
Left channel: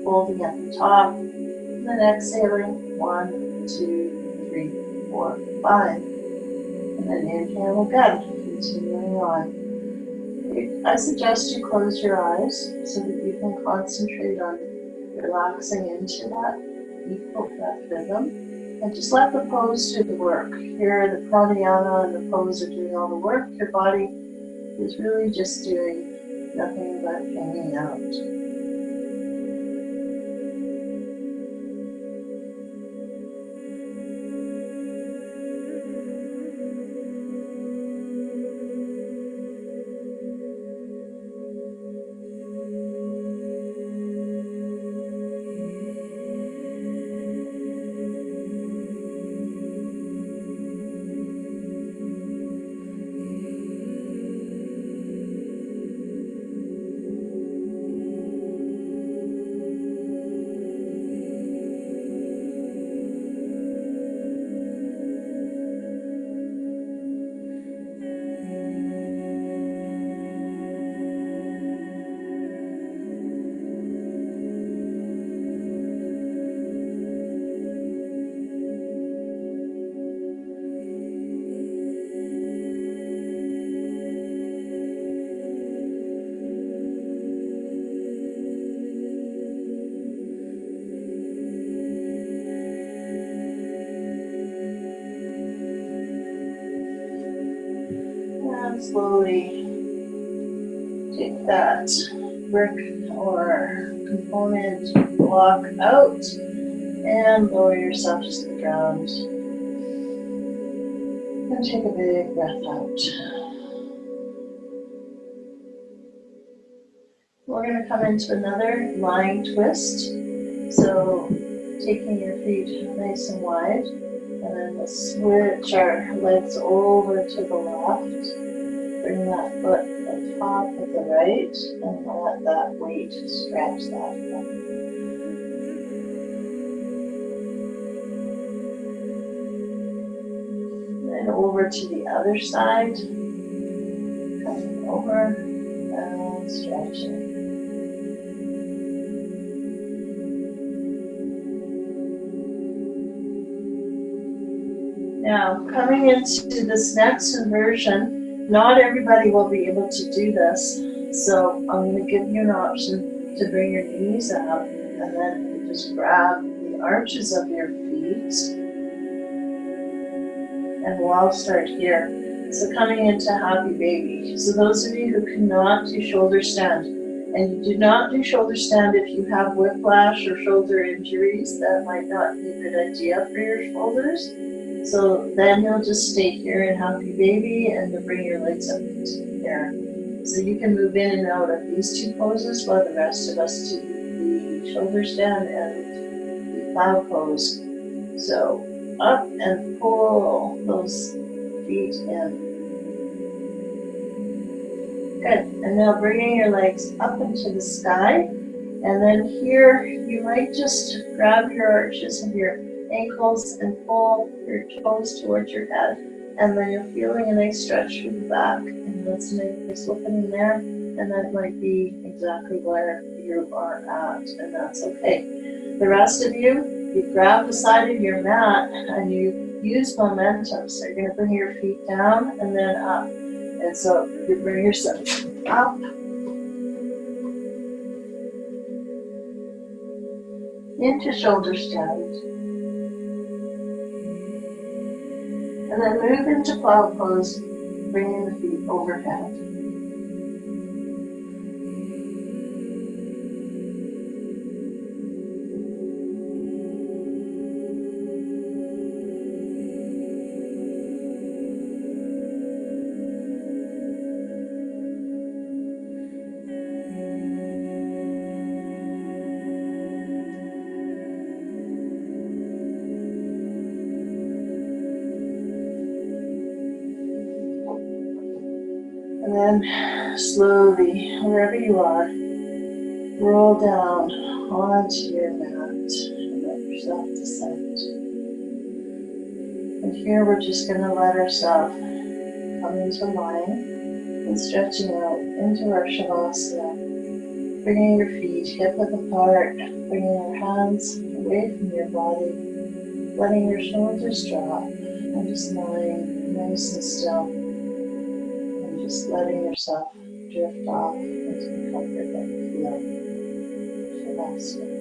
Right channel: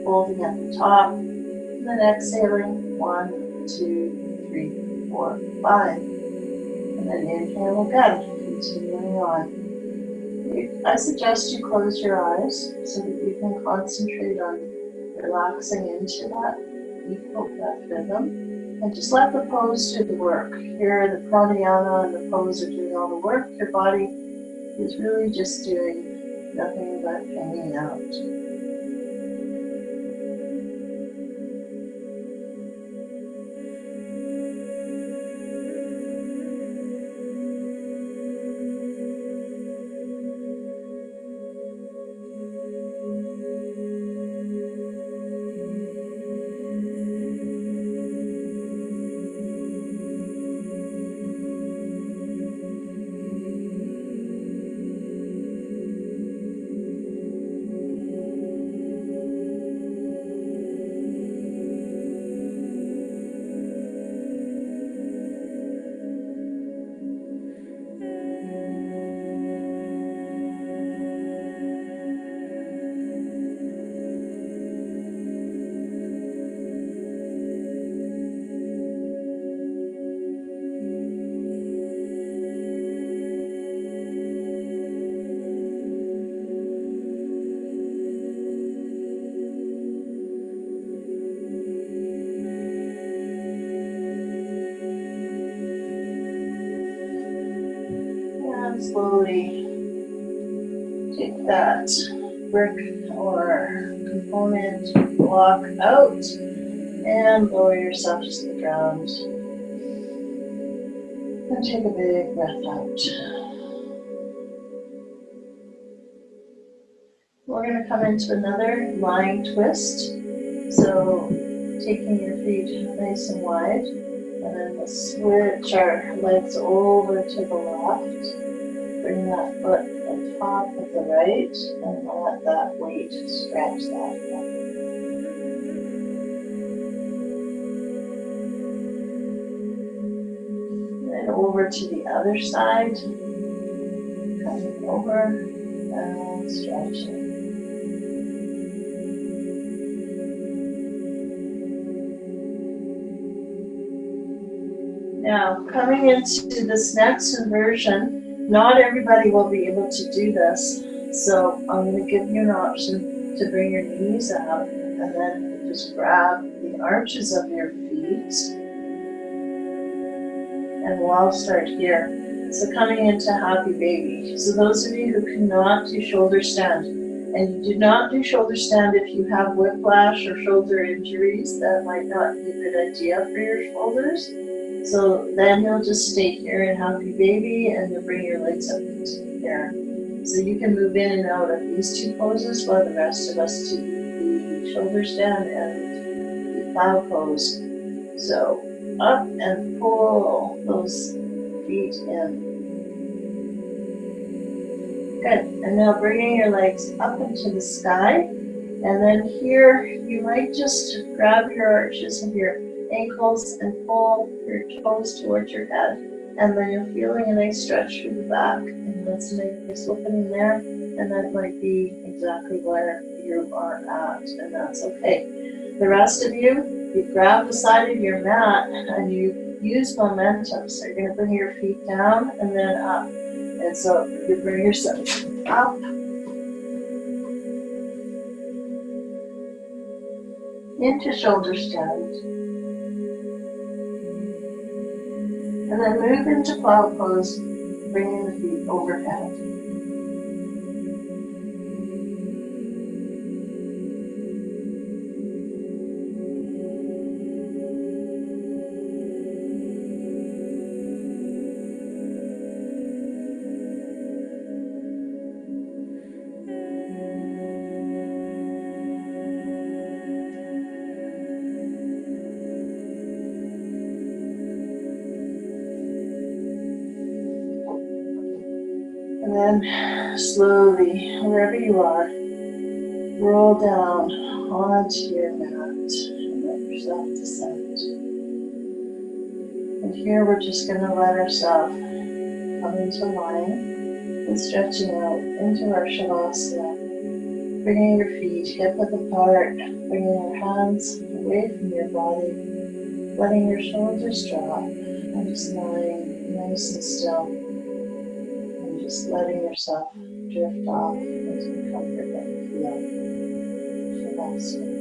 holding at the top, and then exhaling 1, 2, 3, 4, 5, and then inhale again, continuing on. I suggest you close your eyes so that you can concentrate on relaxing into that equal breath rhythm, and just let the pose do the work. Here the pranayama and the pose are doing all the work. Your body is really just doing nothing but hanging out. And slowly take that brick or component block out and lower yourself to the ground. And take a big breath out. We're going to come into another lying twist. So taking your feet nice and wide, and then we'll switch our legs over to the left. Bring that foot on top of the right, and let that weight stretch that up. then over to the other side. Coming over and stretching. Now, coming into this next inversion, not everybody will be able to do this. So I'm going to give you an option to bring your knees out, and then you just grab the arches of your feet. And we'll start here. So coming into happy baby. So those of you who cannot do shoulder stand, and you do not do shoulder stand if you have whiplash or shoulder injuries, that might not be a good idea for your shoulders. So then you'll just stay here in happy baby, and you'll bring your legs up into the air. So you can move in and out of these two poses while the rest of us do the shoulder stand and the plow pose. So up and pull those feet in. Good. And now bringing your legs up into the sky. And then here you might just grab your arches of your ankles and pull your toes towards your head. And then you're feeling a nice stretch through the back. And that's a nice opening there. And that might be exactly where you are at. And that's okay. The rest of you grab the side of your mat and you use momentum. So you're going to bring your feet down and then up. And so you bring yourself up into shoulder stand. And then move into plow pose, bringing the feet overhead. And then slowly, wherever you are, roll down onto your mat and let yourself descend. And here we're just going to let ourselves come into line and stretching out into our Shavasana. Bringing your feet hip width apart, bringing your hands away from your body, letting your shoulders drop, and just lying nice and still. Just letting yourself drift off into the comfort that you feel. Shavasana.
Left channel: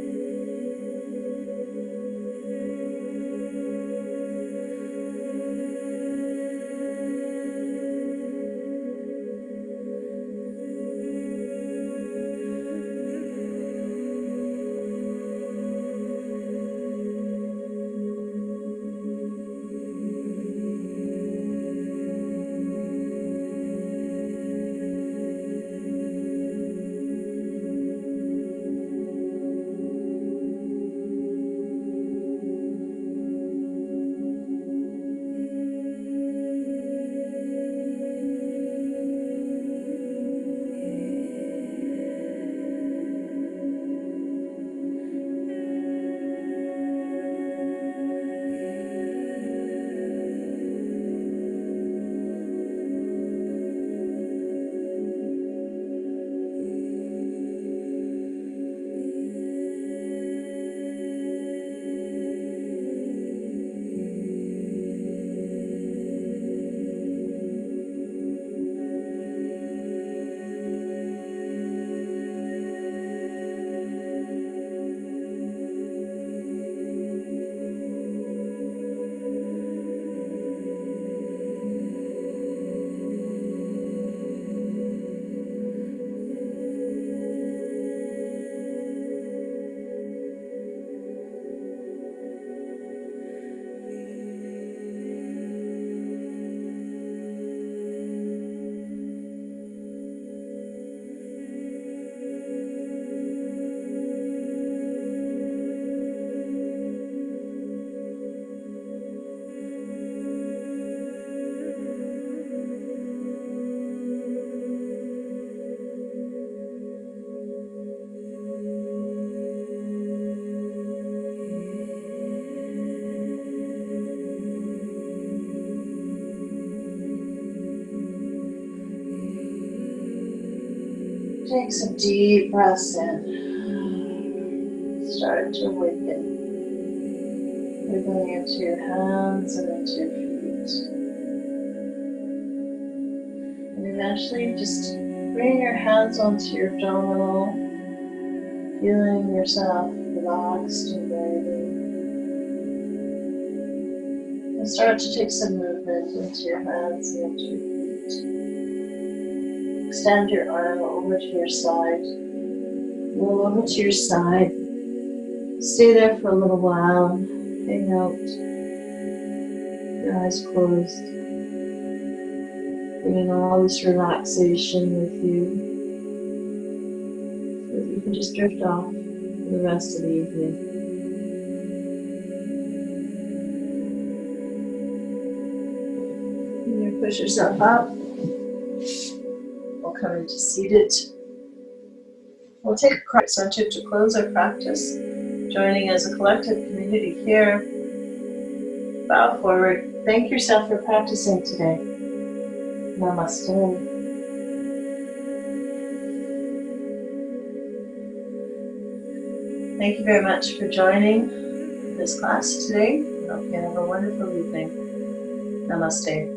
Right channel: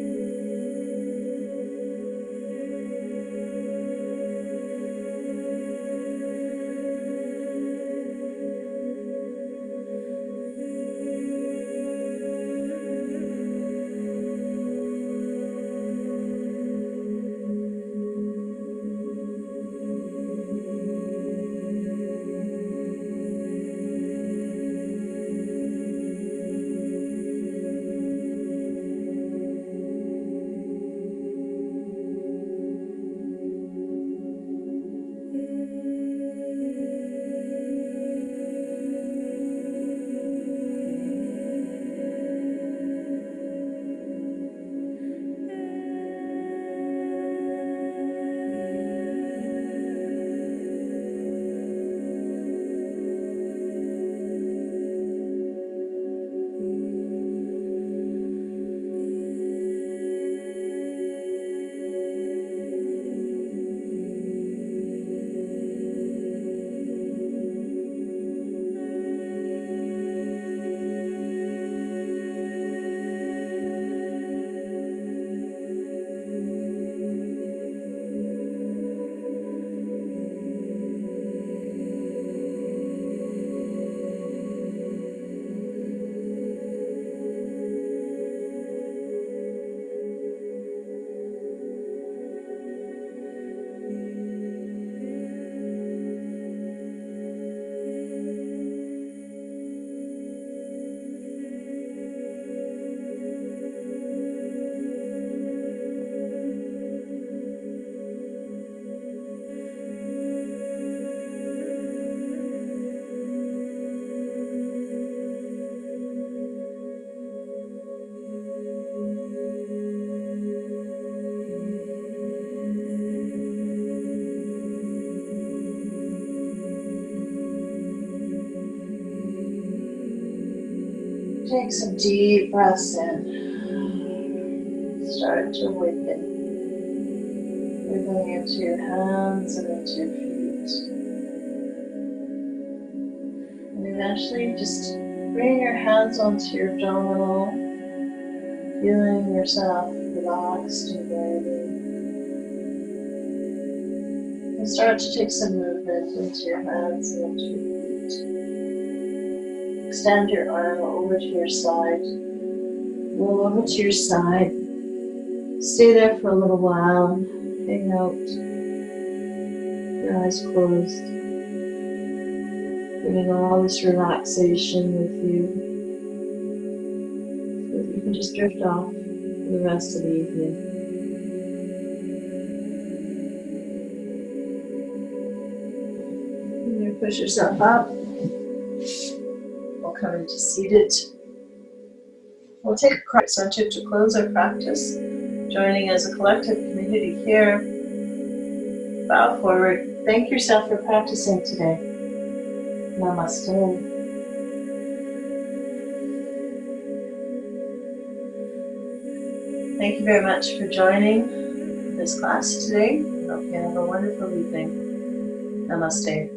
Take some deep breaths in. Start to awaken. Wiggling into your hands and into your feet. And eventually just bring your hands onto your abdominal, feeling yourself relaxed and breathing. And start to take some movement into your hands and into your feet. Extend your arm over to your side. Roll over to your side. Stay there for a little while. Hang out. Your eyes closed. Bringing all this relaxation with you. So that you can just drift off for the rest of the evening. And you push yourself up. We'll come into seated. We'll take a quiet center to close our practice, joining as a collective community here. Bow forward. Thank yourself for practicing today. Namaste. Thank you very much for joining this class today. Hope you have a wonderful evening. Namaste.